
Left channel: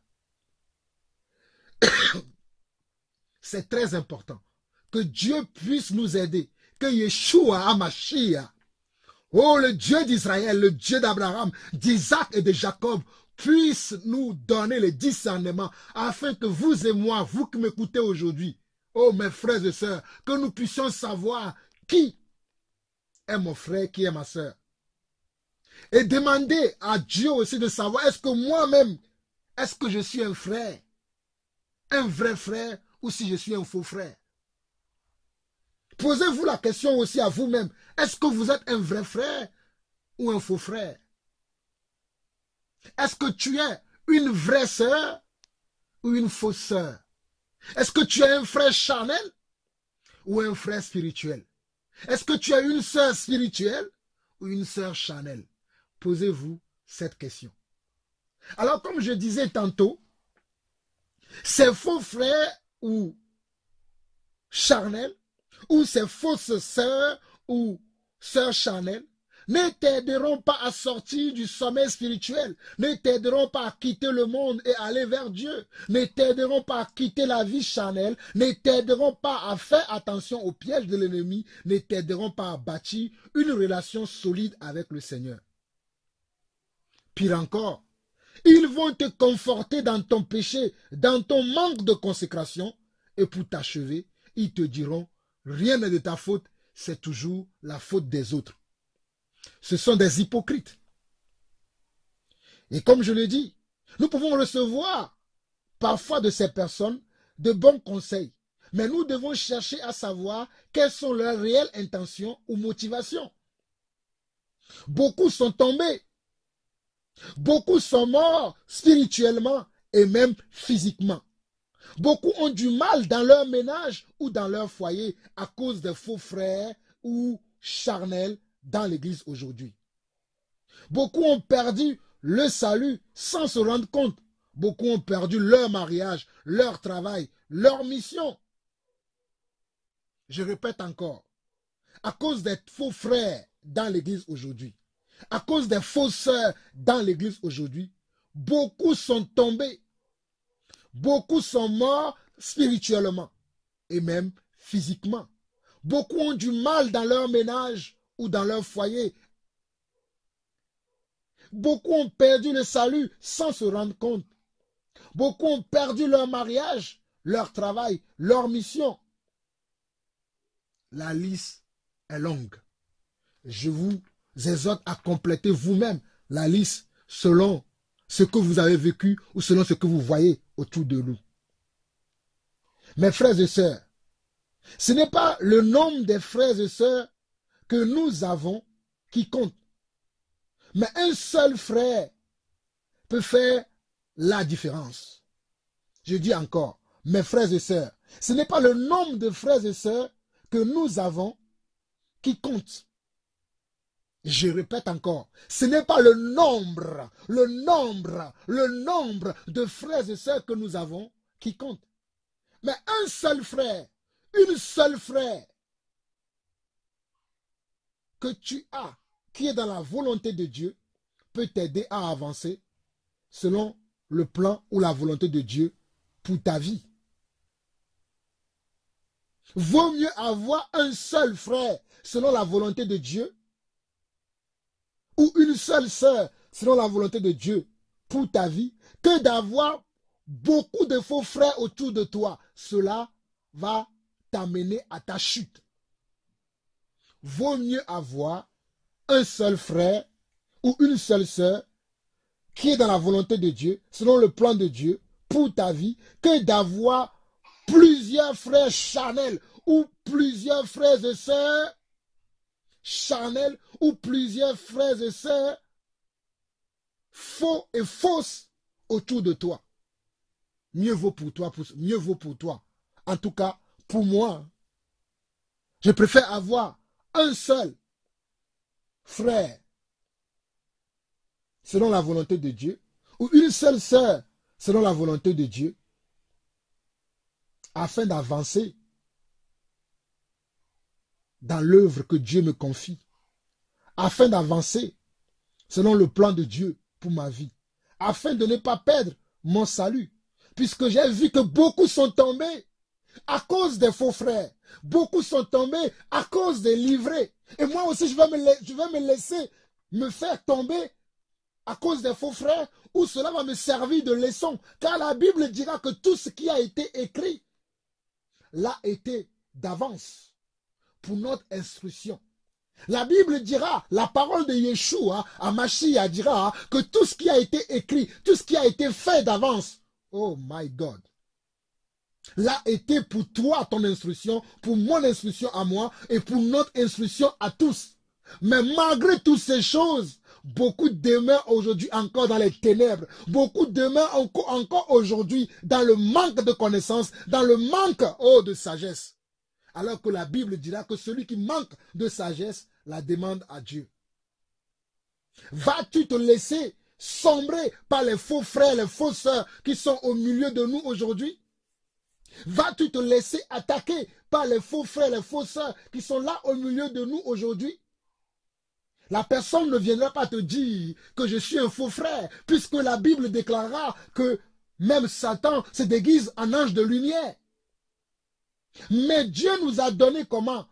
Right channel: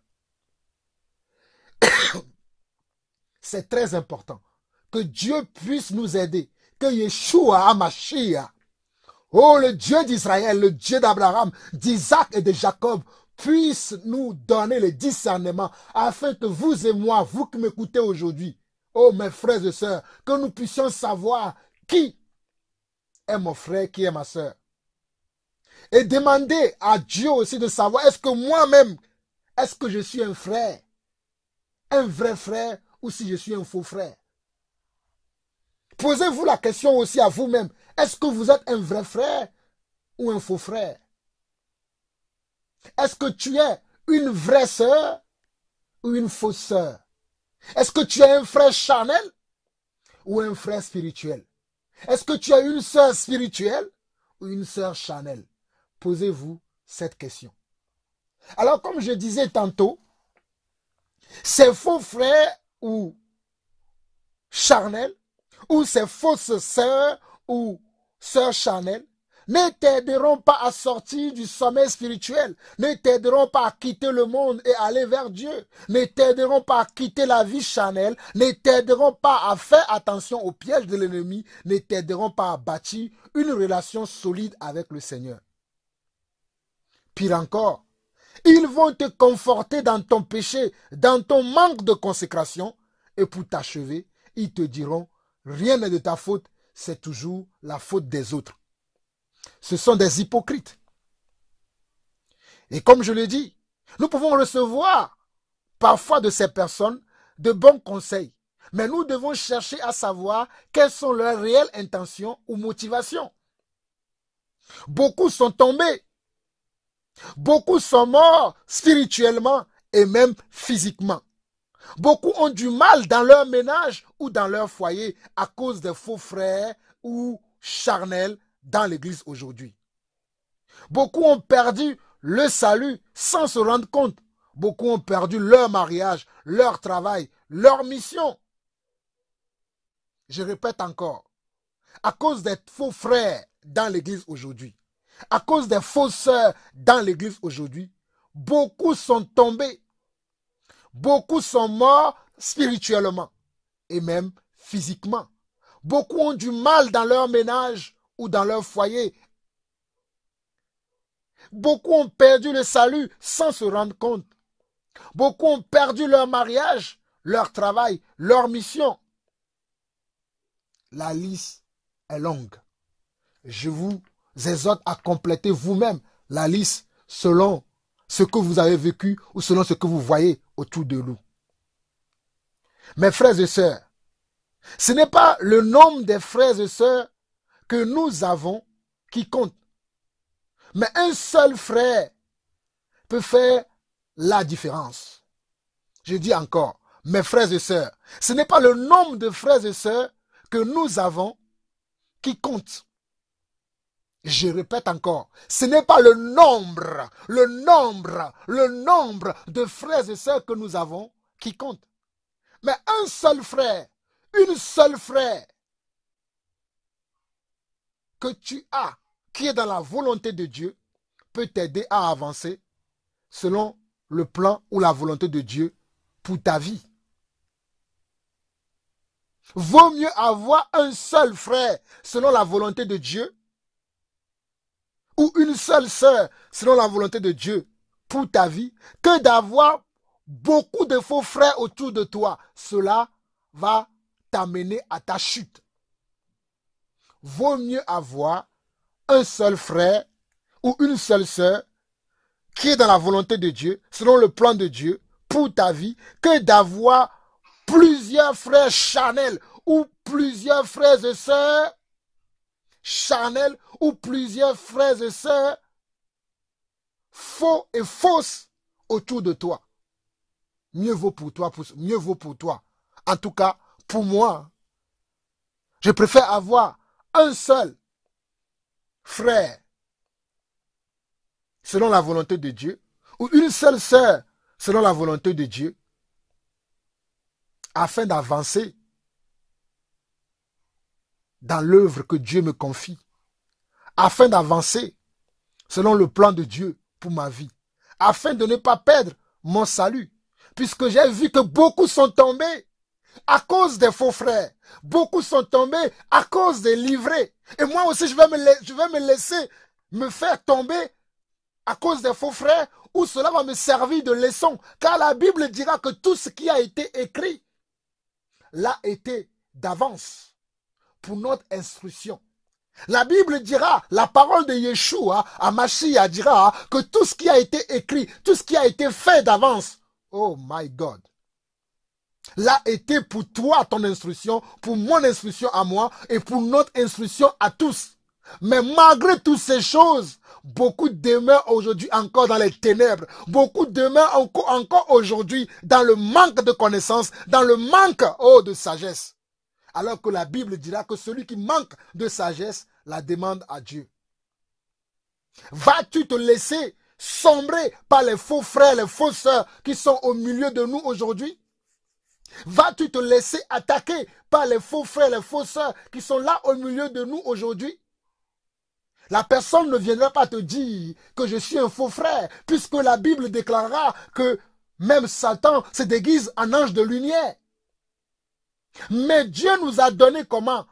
C'est très important que Dieu puisse nous aider, que Yeshua HaMashiach, oh le Dieu d'Israël, le Dieu d'Abraham, d'Isaac et de Jacob, puisse nous donner le discernement afin que vous et moi, vous qui m'écoutez aujourd'hui, oh mes frères et sœurs, que nous puissions savoir qui est mon frère, qui est ma sœur. Et demander à Dieu aussi de savoir, est-ce que moi-même, est-ce que je suis un frère, un vrai frère, ou si je suis un faux frère. Posez-vous la question aussi à vous-même, est-ce que vous êtes un vrai frère ou un faux frère? Est-ce que tu es une vraie sœur ou une fausse sœur? Est-ce que tu es un frère charnel ou un frère spirituel? Est-ce que tu es une sœur spirituelle ou une sœur charnelle? Posez-vous cette question. Alors, comme je disais tantôt, ces faux frères ou charnels, ou ces fausses sœurs ou sœurs charnelles, ne t'aideront pas à sortir du sommeil spirituel, ne t'aideront pas à quitter le monde et aller vers Dieu, ne t'aideront pas à quitter la vie charnelle, ne t'aideront pas à faire attention aux pièges de l'ennemi, ne t'aideront pas à bâtir une relation solide avec le Seigneur. Pire encore, ils vont te conforter dans ton péché, dans ton manque de consécration, et pour t'achever, ils te diront, rien n'est de ta faute, c'est toujours la faute des autres. Ce sont des hypocrites. Et comme je l'ai dit, nous pouvons recevoir parfois de ces personnes de bons conseils, mais nous devons chercher à savoir quelles sont leurs réelles intentions ou motivations. Beaucoup sont tombés. Beaucoup sont morts spirituellement et même physiquement. Beaucoup ont du mal dans leur ménage ou dans leur foyer à cause des faux frères ou charnels dans l'église aujourd'hui. Beaucoup ont perdu le salut sans se rendre compte. Beaucoup ont perdu leur mariage, leur travail, leur mission. Je répète encore, à cause des faux frères dans l'église aujourd'hui, à cause des fausses sœurs dans l'église aujourd'hui, beaucoup sont tombés. Beaucoup sont morts spirituellement et même physiquement. Beaucoup ont du mal dans leur ménage ou dans leur foyer. Beaucoup ont perdu le salut sans se rendre compte. Beaucoup ont perdu leur mariage, leur travail, leur mission. La liste est longue. Je vous exhorte à compléter vous-même la liste selon ce que vous avez vécu ou selon ce que vous voyez autour de nous. Mes frères et sœurs, ce n'est pas le nombre des frères et sœurs que nous avons qui compte. Mais un seul frère peut faire la différence. Je dis encore, mes frères et sœurs, ce n'est pas le nombre de frères et sœurs que nous avons qui compte. Je répète encore, ce n'est pas le nombre de frères et sœurs que nous avons qui compte. Mais un seul frère, une seule frère que tu as, qui est dans la volonté de Dieu, peut t'aider à avancer selon le plan ou la volonté de Dieu pour ta vie. Vaut mieux avoir un seul frère selon la volonté de Dieu ou une seule sœur selon la volonté de Dieu pour ta vie que d'avoir beaucoup de faux frères autour de toi. Cela va t'amener à ta chute. Vaut mieux avoir un seul frère ou une seule sœur qui est dans la volonté de Dieu, selon le plan de Dieu pour ta vie, que d'avoir plusieurs frères charnels ou plusieurs frères et sœurs charnels, ou plusieurs frères et sœurs faux et fausses autour de toi. Mieux vaut pour toi, mieux vaut pour toi. En tout cas, pour moi, je préfère avoir un seul frère selon la volonté de Dieu, ou une seule sœur selon la volonté de Dieu, afin d'avancer dans l'œuvre que Dieu me confie, afin d'avancer selon le plan de Dieu pour ma vie, afin de ne pas perdre mon salut, puisque j'ai vu que beaucoup sont tombés à cause des faux frères, beaucoup sont tombés à cause des livrés, et moi aussi je vais me laisser me faire tomber à cause des faux frères, où cela va me servir de leçon, car la Bible dira que tout ce qui a été écrit l'a été d'avance pour notre instruction. La Bible dira, la parole de Yeshua à Mashiach dira que tout ce qui a été écrit, tout ce qui a été fait d'avance, oh my God, l'a été pour toi, ton instruction, pour mon instruction à moi et pour notre instruction à tous. Mais malgré toutes ces choses, beaucoup demeurent aujourd'hui encore dans les ténèbres. Beaucoup demeurent encore aujourd'hui dans le manque de connaissance, dans le manque de sagesse. Alors que la Bible dira que celui qui manque de sagesse la demande à Dieu. Vas-tu te laisser sombrer par les faux frères, les faux sœurs qui sont au milieu de nous aujourd'hui? Vas-tu te laisser attaquer par les faux frères, les faux sœurs qui sont là au milieu de nous aujourd'hui? La personne ne viendra pas te dire que je suis un faux frère, puisque la Bible déclarera que même Satan se déguise en ange de lumière. Mais Dieu nous a donné comment?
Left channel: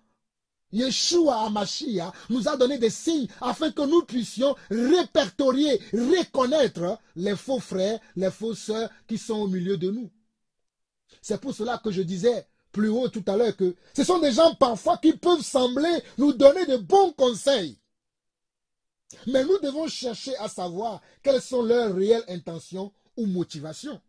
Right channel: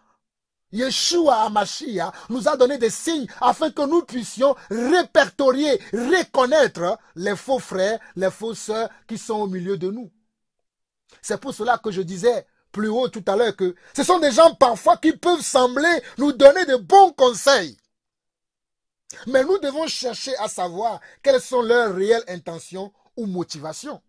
Yeshua HaMashiach nous a donné des signes afin que nous puissions répertorier, reconnaître les faux frères, les faux sœurs qui sont au milieu de nous. C'est pour cela que je disais plus haut tout à l'heure que ce sont des gens parfois qui peuvent sembler nous donner de bons conseils. Mais nous devons chercher à savoir quelles sont leurs réelles intentions ou motivations.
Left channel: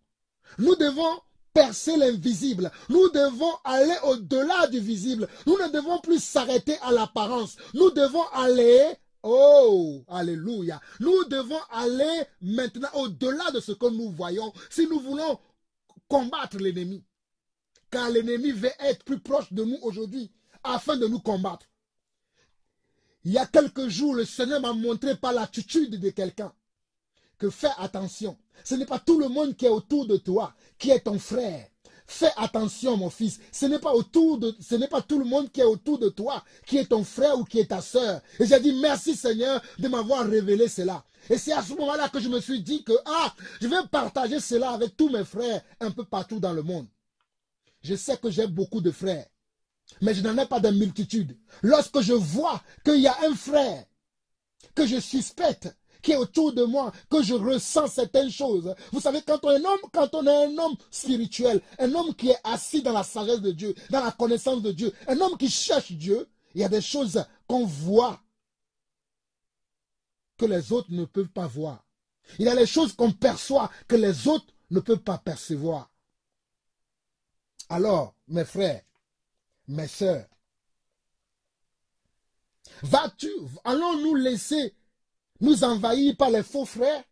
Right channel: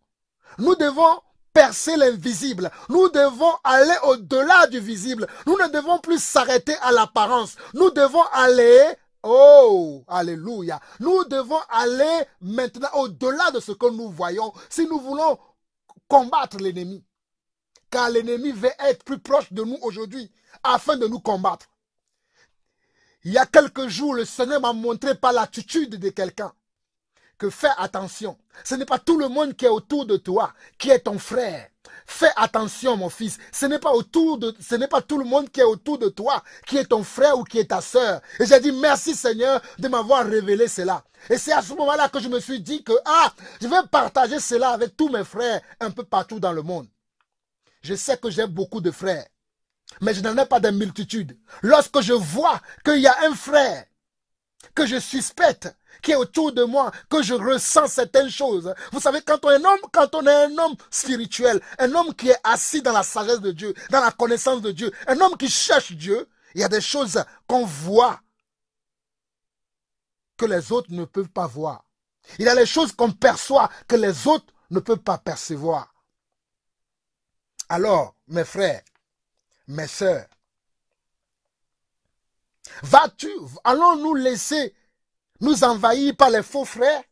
Nous devons percer l'invisible. Nous devons aller au-delà du visible. Nous ne devons plus s'arrêter à l'apparence. Nous devons aller, oh, alléluia. Nous devons aller maintenant au-delà de ce que nous voyons si nous voulons combattre l'ennemi. Car l'ennemi veut être plus proche de nous aujourd'hui afin de nous combattre. Il y a quelques jours, le Seigneur m'a montré par l'attitude de quelqu'un que fais attention. Ce n'est pas tout le monde qui est autour de toi, qui est ton frère. Fais attention, mon fils. Ce n'est pas tout le monde qui est autour de toi, qui est ton frère ou qui est ta sœur. Et j'ai dit merci Seigneur de m'avoir révélé cela. Et c'est à ce moment-là que je me suis dit que je vais partager cela avec tous mes frères un peu partout dans le monde. Je sais que j'ai beaucoup de frères, mais je n'en ai pas de multitude. Lorsque je vois qu'il y a un frère que je suspecte, qui est autour de moi, que je ressens certaines choses. Vous savez, quand on est un homme spirituel, un homme qui est assis dans la sagesse de Dieu, dans la connaissance de Dieu, un homme qui cherche Dieu, il y a des choses qu'on voit que les autres ne peuvent pas voir. Il y a des choses qu'on perçoit que les autres ne peuvent pas percevoir. Alors, mes frères, mes sœurs, allons-nous laisser nous envahir par les faux frères?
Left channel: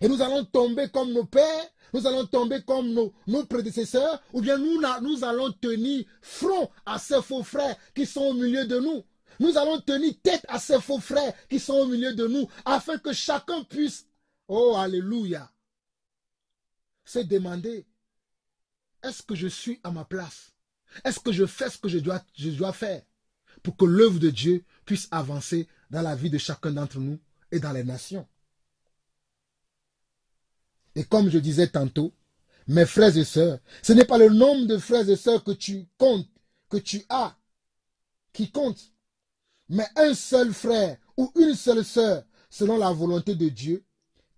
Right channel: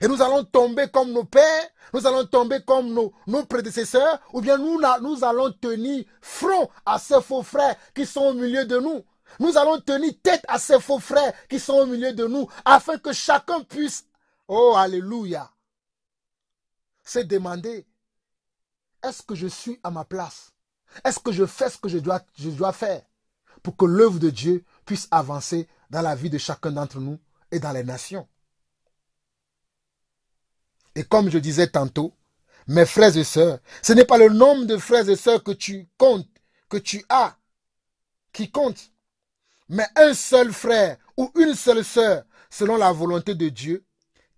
Et nous allons tomber comme nos pères, nous allons tomber comme nos prédécesseurs, ou bien nous allons tenir front à ces faux frères qui sont au milieu de nous. Nous allons tenir tête à ces faux frères qui sont au milieu de nous, afin que chacun puisse, oh alléluia, se demander, est-ce que je suis à ma place? Est-ce que je fais ce que je dois faire pour que l'œuvre de Dieu puisse avancer dans la vie de chacun d'entre nous et dans les nations? Et comme je disais tantôt, mes frères et sœurs, ce n'est pas le nombre de frères et sœurs que tu comptes, que tu as, qui compte, mais un seul frère ou une seule sœur, selon la volonté de Dieu,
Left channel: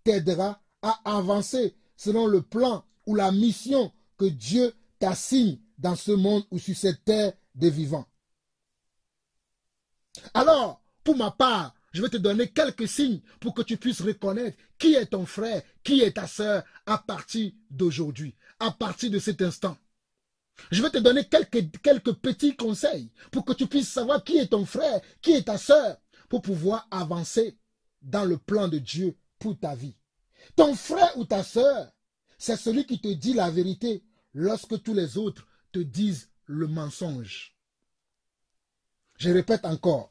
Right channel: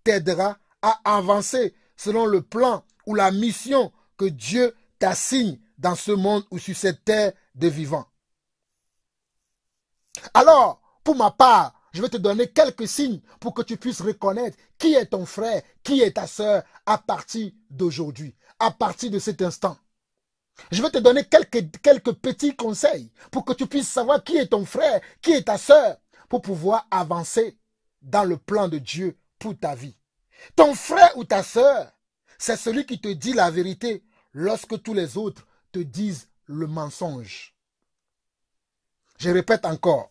t'aidera à avancer selon le plan ou la mission que Dieu t'assigne dans ce monde ou sur cette terre des vivants. Alors, pour ma part, je vais te donner quelques signes pour que tu puisses reconnaître qui est ton frère, qui est ta sœur à partir d'aujourd'hui, à partir de cet instant. Je vais te donner quelques petits conseils pour que tu puisses savoir qui est ton frère, qui est ta sœur, pour pouvoir avancer dans le plan de Dieu pour ta vie. Ton frère ou ta sœur, c'est celui qui te dit la vérité lorsque tous les autres te disent le mensonge. Je répète encore.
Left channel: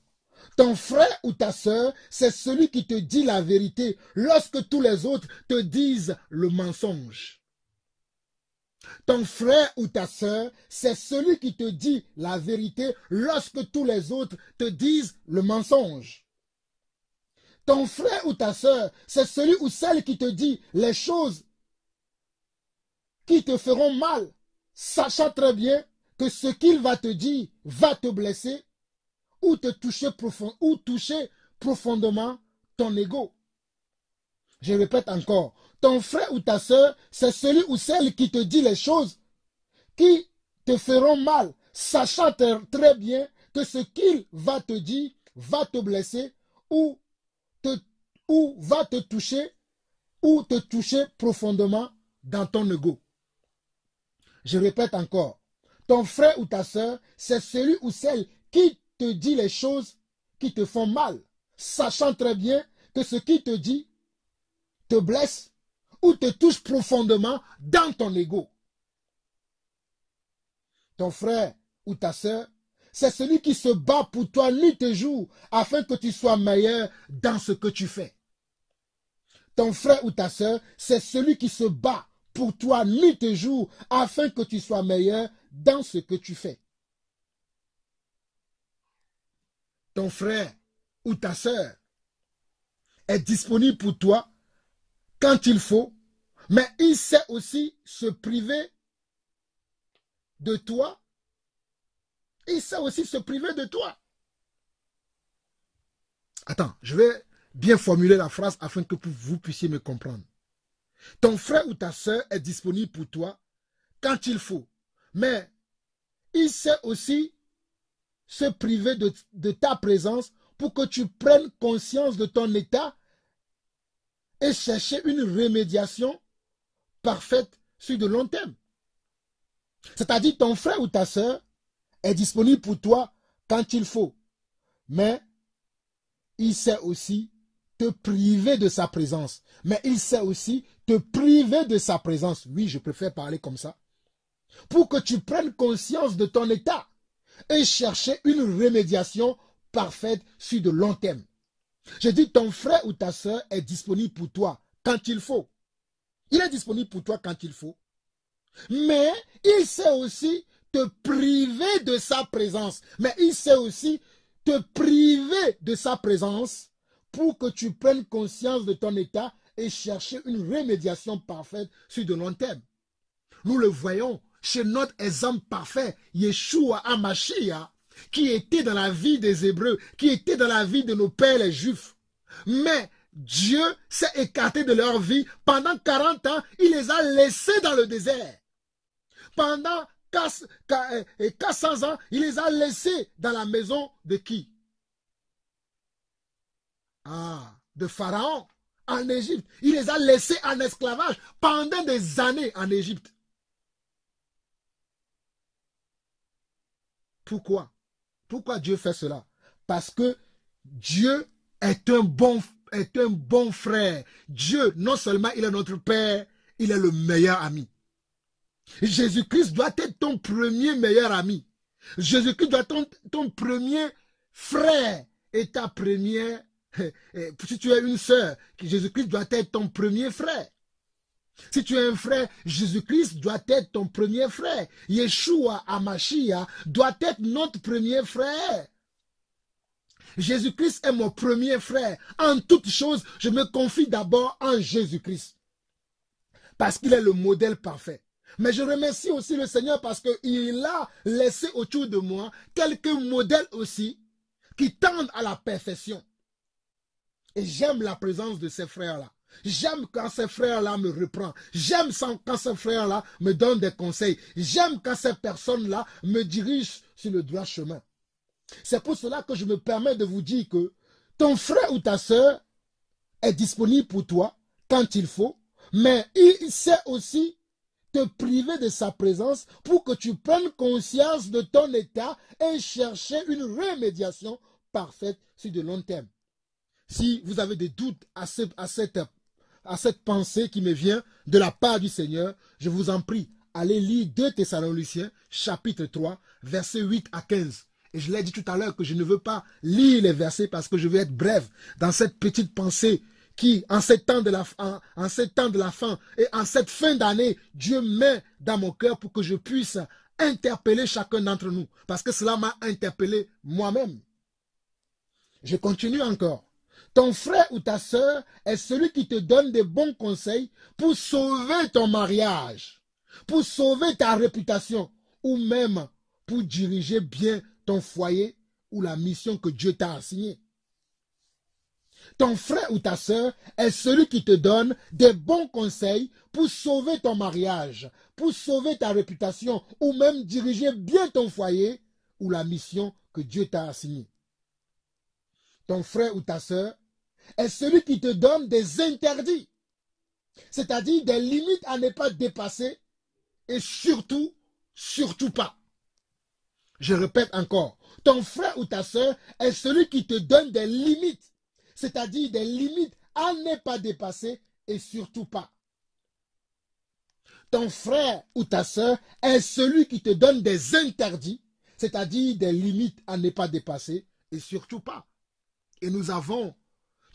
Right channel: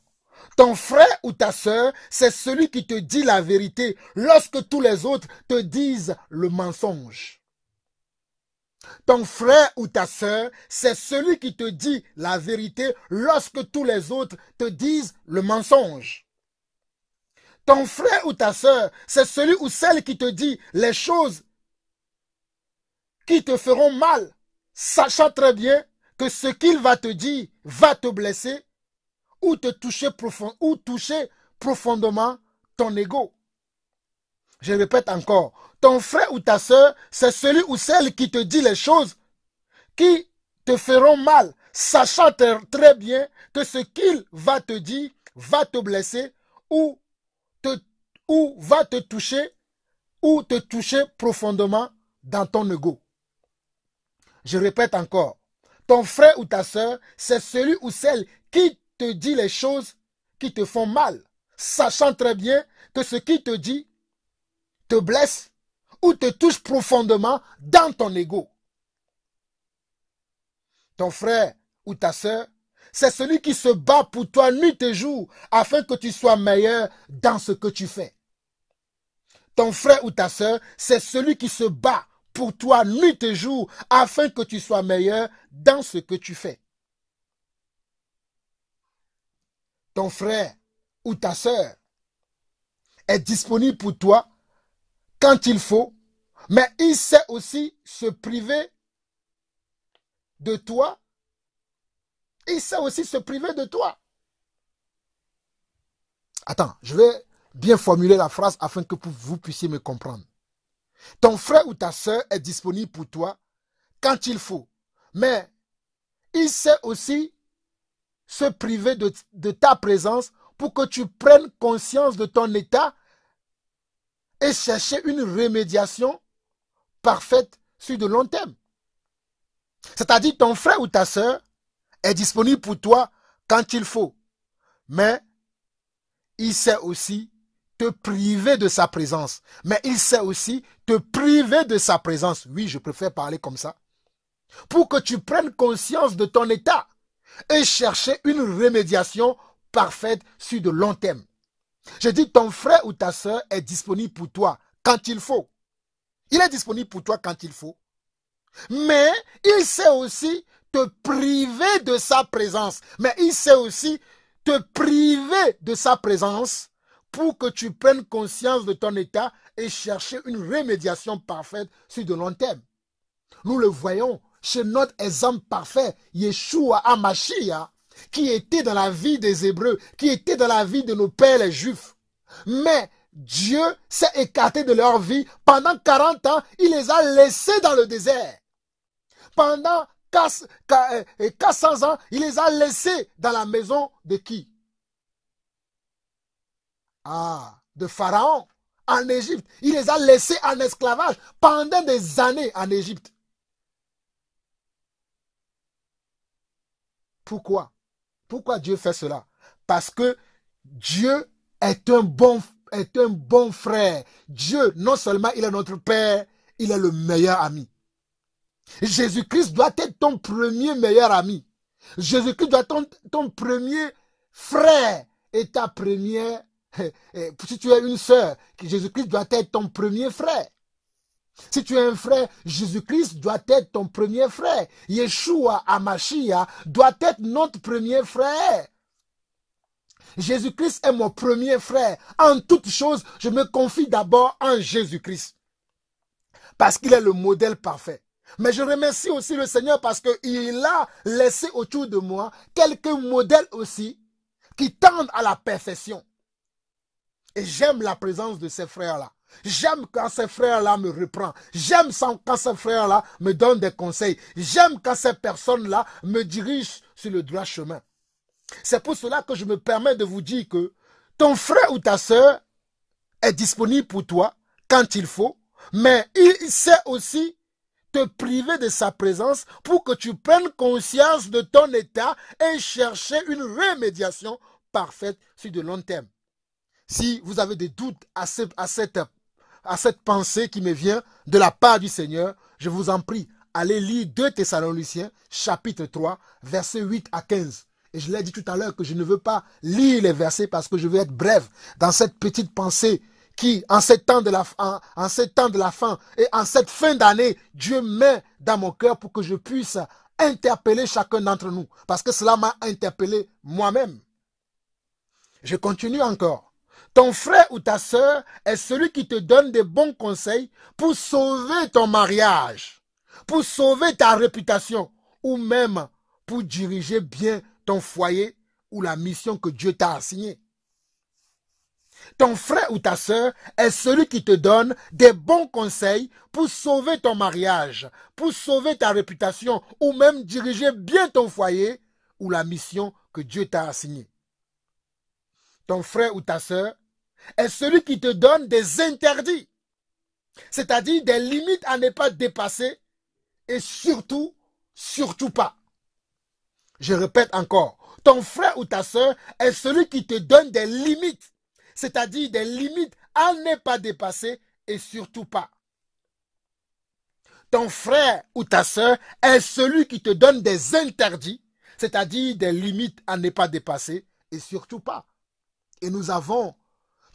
Ton frère ou ta sœur, c'est celui qui te dit la vérité lorsque tous les autres te disent le mensonge. Ton frère ou ta sœur, c'est celui qui te dit la vérité lorsque tous les autres te disent le mensonge. Ton frère ou ta sœur, c'est celui ou celle qui te dit les choses qui te feront mal, sachant très bien que ce qu'il va te dire va te blesser ou te toucher profondément ton ego. Je répète encore, ton frère ou ta sœur, c'est celui ou celle qui te dit les choses qui te feront mal, sachant très bien que ce qu'il va te dire va te blesser ou va te toucher profondément dans ton ego. Je répète encore, ton frère ou ta sœur, c'est celui ou celle qui te dit les choses qui te font mal, sachant très bien que ce qu'il te dit te blesse ou te touche profondément dans ton ego. Ton frère ou ta sœur, c'est celui qui se bat pour toi nuit et jour afin que tu sois meilleur dans ce que tu fais. Ton frère ou ta sœur, c'est celui qui se bat pour toi nuit et jour afin que tu sois meilleur dans ce que tu fais. Ton frère ou ta sœur est disponible pour toi quand il faut, mais il sait aussi se priver de toi. Il sait aussi se priver de toi. Attends, je vais bien formuler la phrase afin que vous puissiez me comprendre. Ton frère ou ta sœur est disponible pour toi quand il faut, mais il sait aussi se priver de ta présence pour que tu prennes conscience de ton état et chercher une remédiation parfaite sur de long terme. C'est-à-dire ton frère ou ta sœur est disponible pour toi quand il faut, mais il sait aussi te priver de sa présence. Mais il sait aussi te priver de sa présence. Oui, je préfère parler comme ça. Pour que tu prennes conscience de ton état et chercher une remédiation parfaite sur de long terme. Je dis ton frère ou ta sœur est disponible pour toi quand il faut. Il est disponible pour toi quand il faut. Mais il sait aussi te priver de sa présence. Mais il sait aussi te priver de sa présence pour que tu prennes conscience de ton état et chercher une remédiation parfaite sur de long terme. Nous le voyons chez notre exemple parfait, Yeshua HaMashiach, qui était dans la vie des Hébreux, qui était dans la vie de nos pères les Juifs. Mais Dieu s'est écarté de leur vie. Pendant 40 ans, il les a laissés dans le désert. Pendant 400 ans, il les a laissés dans la maison de qui? De Pharaon, en Égypte. Il les a laissés en esclavage pendant des années en Égypte. Pourquoi? Pourquoi Dieu fait cela? Parce que Dieu est un bon frère. Dieu, non seulement il est notre Père, il est le meilleur ami. Jésus-Christ doit être ton premier meilleur ami. Jésus-Christ doit être ton premier frère et ta première. Si tu es une sœur, Jésus-Christ doit être ton premier frère. Si tu es un frère, Jésus-Christ doit être ton premier frère. Yeshua HaMashiach doit être notre premier frère. Jésus-Christ est mon premier frère. En toute chose, je me confie d'abord en Jésus-Christ. Parce qu'il est le modèle parfait. Mais je remercie aussi le Seigneur parce qu'il a laissé autour de moi quelques modèles aussi qui tendent à la perfection. Et j'aime la présence de ces frères-là. J'aime quand ces frères-là me reprennent. J'aime quand ces frères-là me donnent des conseils. J'aime quand ces personnes-là me dirigent sur le droit chemin. C'est pour cela que je me permets de vous dire que ton frère ou ta sœur est disponible pour toi quand il faut, mais il sait aussi te priver de sa présence pour que tu prennes conscience de ton état et chercher une remédiation parfaite sur de long terme. Si vous avez des doutes à cette pensée qui me vient de la part du Seigneur, je vous en prie, allez lire 2 Thessaloniciens, chapitre 3, versets 8 à 15. Et je l'ai dit tout à l'heure que je ne veux pas lire les versets parce que je veux être bref dans cette petite pensée qui, en ces temps de la fin et en cette fin d'année, Dieu met dans mon cœur pour que je puisse interpeller chacun d'entre nous. Parce que cela m'a interpellé moi-même. Je continue encore. Ton frère ou ta sœur est celui qui te donne des bons conseils pour sauver ton mariage, pour sauver ta réputation ou même pour diriger bien ton foyer ou la mission que Dieu t'a assignée. Ton frère ou ta sœur est celui qui te donne des bons conseils pour sauver ton mariage, pour sauver ta réputation ou même diriger bien ton foyer ou la mission que Dieu t'a assignée. Ton frère ou ta sœur est celui qui te donne des interdits, c'est-à-dire des limites à ne pas dépasser et surtout pas. Je répète encore, ton frère ou ta sœur est celui qui te donne des limites, c'est-à-dire des limites à ne pas dépasser et surtout pas. Ton frère ou ta sœur est celui qui te donne des interdits, c'est-à-dire des limites à ne pas dépasser et surtout pas. Et nous avons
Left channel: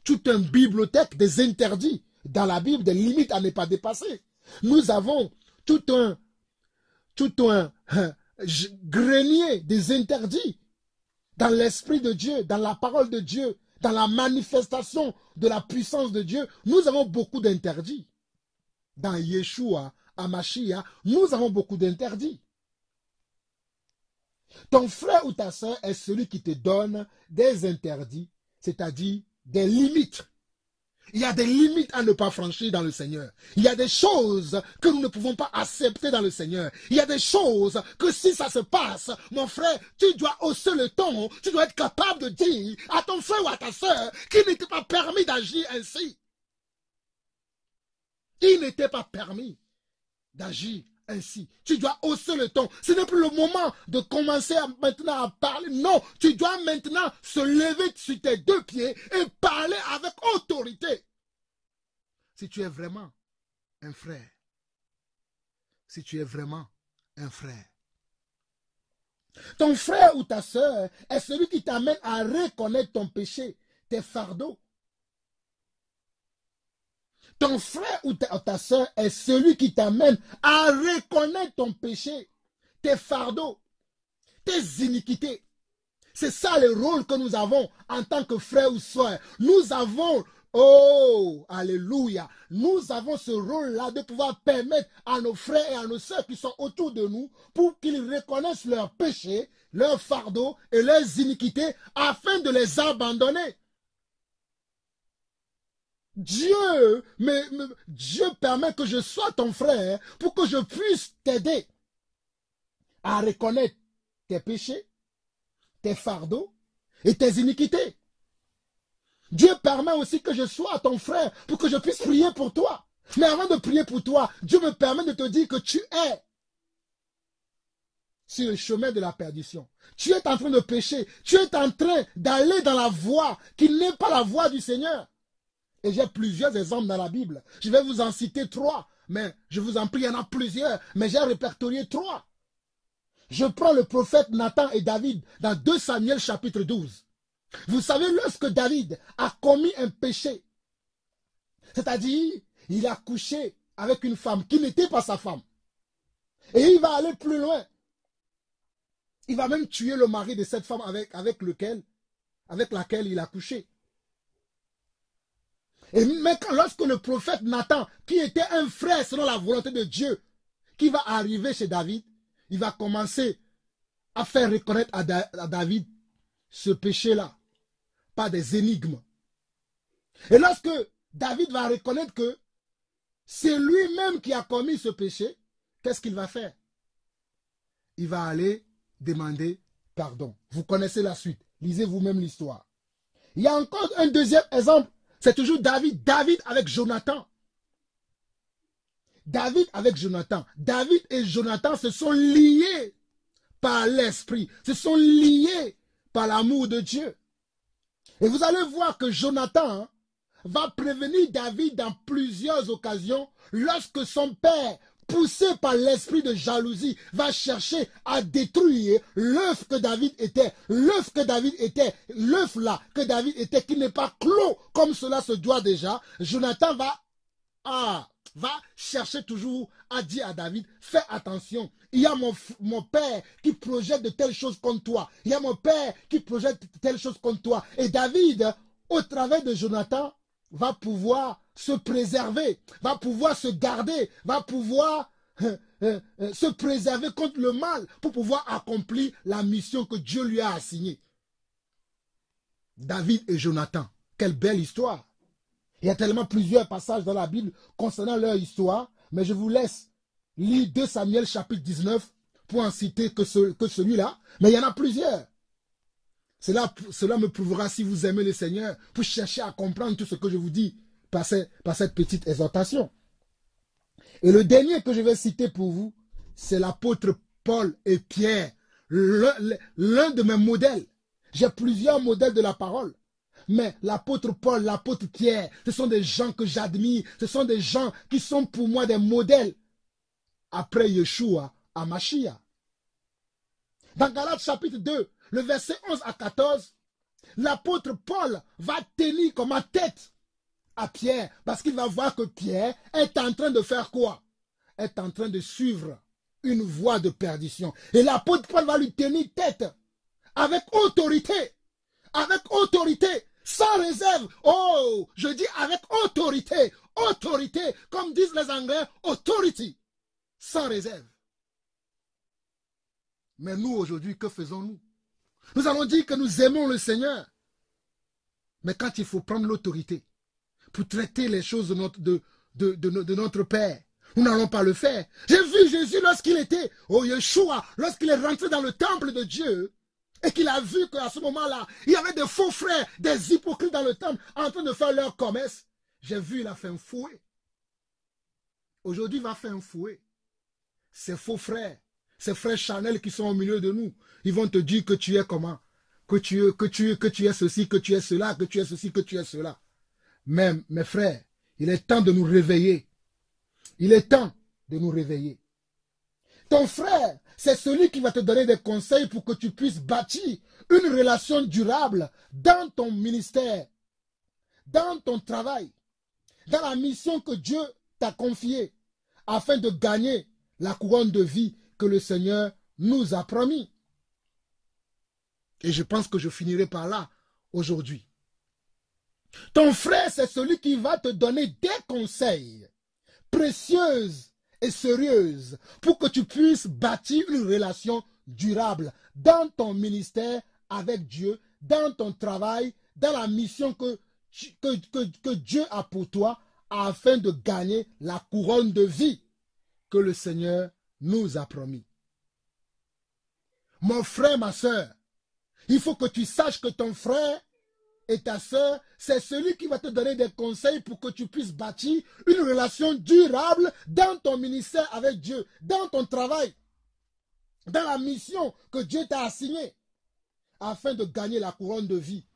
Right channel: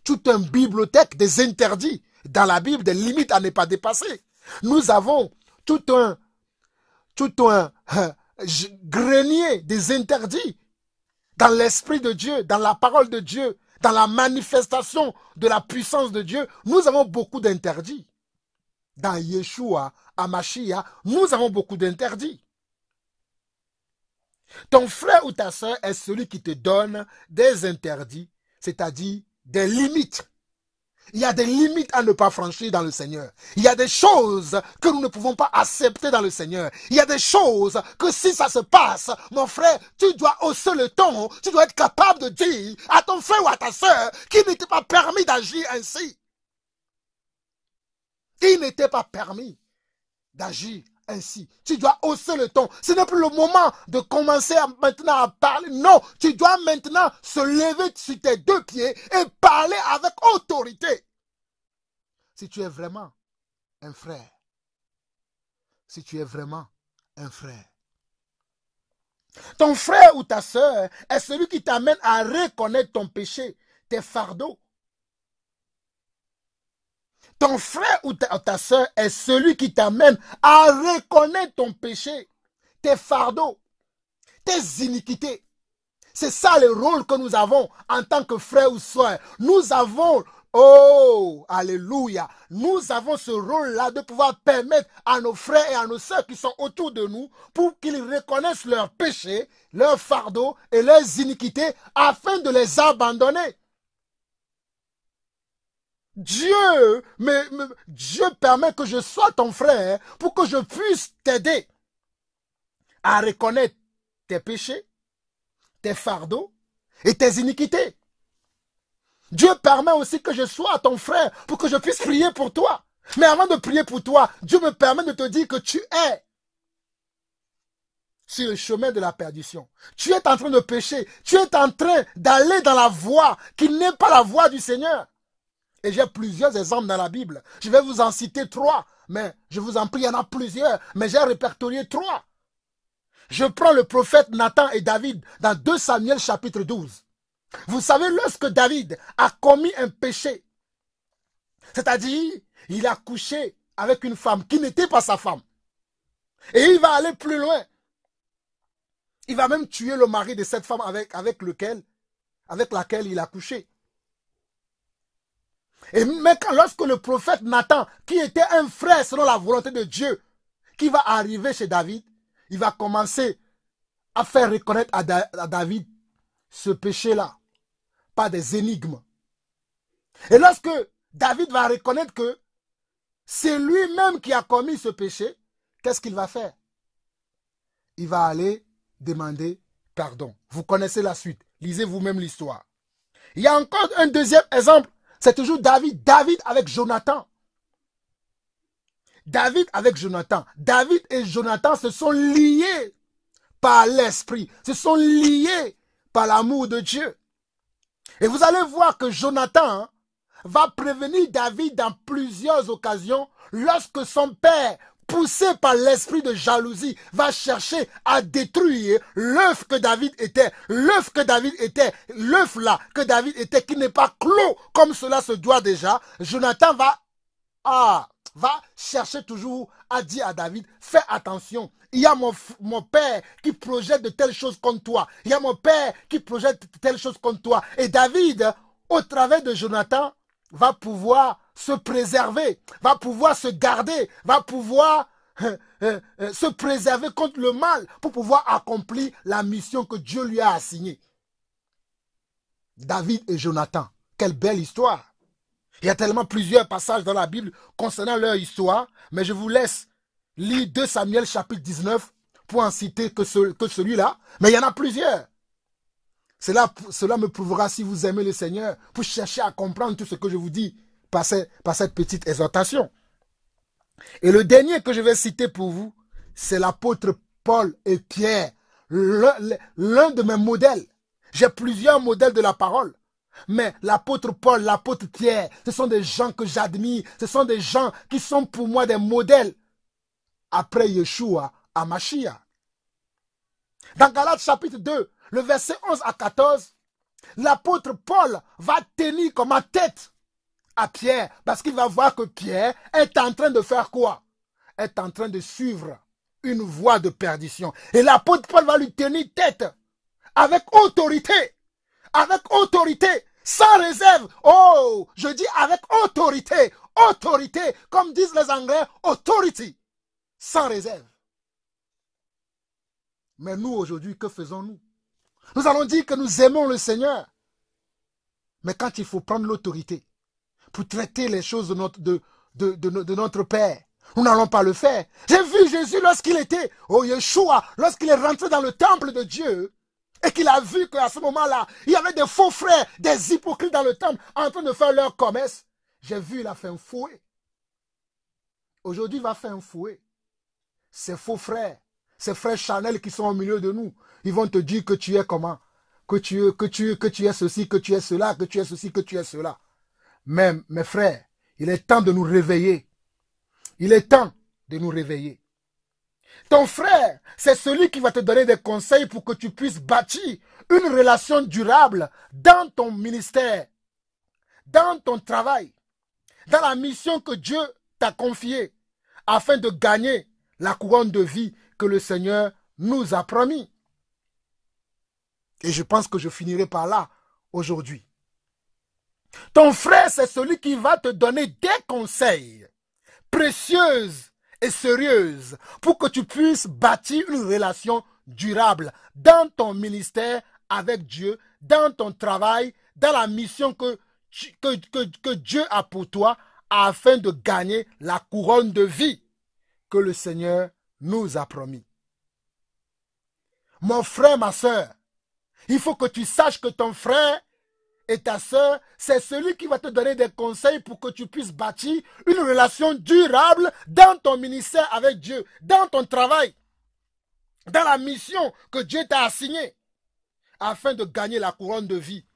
toute une bibliothèque des interdits dans la Bible, des limites à ne pas dépasser. Nous avons tout un grenier des interdits dans l'Esprit de Dieu, dans la parole de Dieu, dans la manifestation de la puissance de Dieu. Nous avons beaucoup d'interdits. Dans Yeshua, Amashia, nous avons beaucoup d'interdits. Ton frère ou ta sœur est celui qui te donne des interdits, c'est-à-dire des limites. Il y a des limites à ne pas franchir dans le Seigneur. Il y a des choses que nous ne pouvons pas accepter dans le Seigneur. Il y a des choses que si ça se passe, mon frère, tu dois hausser le ton, tu dois être capable de dire à ton frère ou à ta sœur qu'il n'était pas permis d'agir ainsi. Il n'était pas permis d'agir ainsi. Tu dois hausser le ton. Ce n'est plus le moment de commencer maintenant à parler. Non, tu dois maintenant se lever sur tes 2 pieds et parler avec autorité. Si tu es vraiment un frère. Si tu es vraiment un frère. Ton frère ou ta sœur est celui qui t'amène à reconnaître ton péché, tes fardeaux. Ton frère ou ta sœur est celui qui t'amène à reconnaître ton péché, tes fardeaux, tes iniquités. C'est ça le rôle que nous avons en tant que frère ou sœur. Nous avons, oh, alléluia, nous avons ce rôle-là de pouvoir permettre à nos frères et à nos sœurs qui sont autour de nous pour qu'ils reconnaissent leurs péchés, leurs fardeaux et leurs iniquités afin de les abandonner. Dieu permet que je sois ton frère pour que je puisse t'aider à reconnaître tes péchés, tes fardeaux et tes iniquités. Dieu permet aussi que je sois ton frère pour que je puisse prier pour toi. Mais avant de prier pour toi, Dieu me permet de te dire que tu es sur le chemin de la perdition. Tu es en train de pécher. Tu es en train d'aller dans la voie qui n'est pas la voie du Seigneur. Et j'ai plusieurs exemples dans la Bible. Je vais vous en citer 3. Mais je vous en prie, il y en a plusieurs. Mais j'ai répertorié 3. Je prends le prophète Nathan et David dans 2 Samuel chapitre 12. Vous savez, lorsque David a commis un péché, c'est-à-dire, il a couché avec une femme qui n'était pas sa femme. Et il va aller plus loin. Il va même tuer le mari de cette femme avec laquelle il a couché. Et même lorsque le prophète Nathan, qui était un frère selon la volonté de Dieu, qui va arriver chez David, il va commencer à faire reconnaître à David ce péché-là, pas des énigmes. Et lorsque David va reconnaître que c'est lui-même qui a commis ce péché, qu'est-ce qu'il va faire? Il va aller demander pardon. Vous connaissez la suite. Lisez vous-même l'histoire. Il y a encore un deuxième exemple. C'est toujours David avec Jonathan. David avec Jonathan. David et Jonathan se sont liés par l'esprit, se sont liés par l'amour de Dieu. Et vous allez voir que Jonathan va prévenir David dans plusieurs occasions lorsque son père, poussé par l'esprit de jalousie, va chercher à détruire l'œuf que David était. L'œuf que David était, l'œuf là que David était, qui n'est pas clos comme cela se doit déjà. Jonathan va chercher toujours à dire à David, fais attention, il y a mon père qui projette de telles choses contre toi. Il y a mon père qui projette de telles choses contre toi. Et David, au travers de Jonathan, va pouvoir se préserver, va pouvoir se garder, va pouvoir se préserver contre le mal pour pouvoir accomplir la mission que Dieu lui a assignée. David et Jonathan, quelle belle histoire. Il y a tellement plusieurs passages dans la Bible concernant leur histoire, mais je vous laisse lire 2 Samuel chapitre 19 pour en citer que celui-là, mais il y en a plusieurs. Cela me prouvera si vous aimez le Seigneur, pour chercher à comprendre tout ce que je vous dis par cette petite exhortation. Et le dernier que je vais citer pour vous, c'est l'apôtre Paul et Pierre, l'un de mes modèles. J'ai plusieurs modèles de la parole. Mais l'apôtre Paul, l'apôtre Pierre, ce sont des gens que j'admire, ce sont des gens qui sont pour moi des modèles après Yeshua à Mashiach. Dans Galates chapitre 2, le verset 11 à 14, l'apôtre Paul va tenir comme tête à Pierre, parce qu'il va voir que Pierre est en train de faire quoi? Est en train de suivre une voie de perdition. Et l'apôtre Paul va lui tenir tête avec autorité, sans réserve. Oh, je dis avec autorité, autorité, comme disent les Anglais, authority, sans réserve. Mais nous, aujourd'hui, que faisons-nous? Nous allons dire que nous aimons le Seigneur. Mais quand il faut prendre l'autorité pour traiter les choses de notre Père, nous n'allons pas le faire. J'ai vu Jésus lorsqu'il était, Yeshua, lorsqu'il est rentré dans le temple de Dieu, et qu'il a vu qu'à ce moment-là, il y avait des faux frères, des hypocrites dans le temple, en train de faire leur commerce. J'ai vu, il a fait un fouet. Aujourd'hui, il va faire un fouet. Ces faux frères, ces frères Chanel qui sont au milieu de nous, ils vont te dire que tu es comment? Que tu es ceci, que tu es cela, que tu es ceci, que tu es cela. Mais, mes frères, il est temps de nous réveiller. Il est temps de nous réveiller. Ton frère, c'est celui qui va te donner des conseils pour que tu puisses bâtir une relation durable dans ton ministère, dans ton travail, dans la mission que Dieu t'a confiée, afin de gagner la couronne de vie que le Seigneur nous a promis. Et je pense que je finirai par là aujourd'hui. Ton frère, c'est celui qui va te donner des conseils précieux et sérieuse pour que tu puisses bâtir une relation durable dans ton ministère avec Dieu, dans ton travail, dans la mission que Dieu a pour toi afin de gagner la couronne de vie que le Seigneur nous a promis. Mon frère, ma soeur, il faut que tu saches que ton frère et ta soeur, c'est celui qui va te donner des conseils pour que tu puisses bâtir une relation durable dans ton ministère avec Dieu, dans ton travail, dans la mission que Dieu t'a assignée, afin de gagner la couronne de vie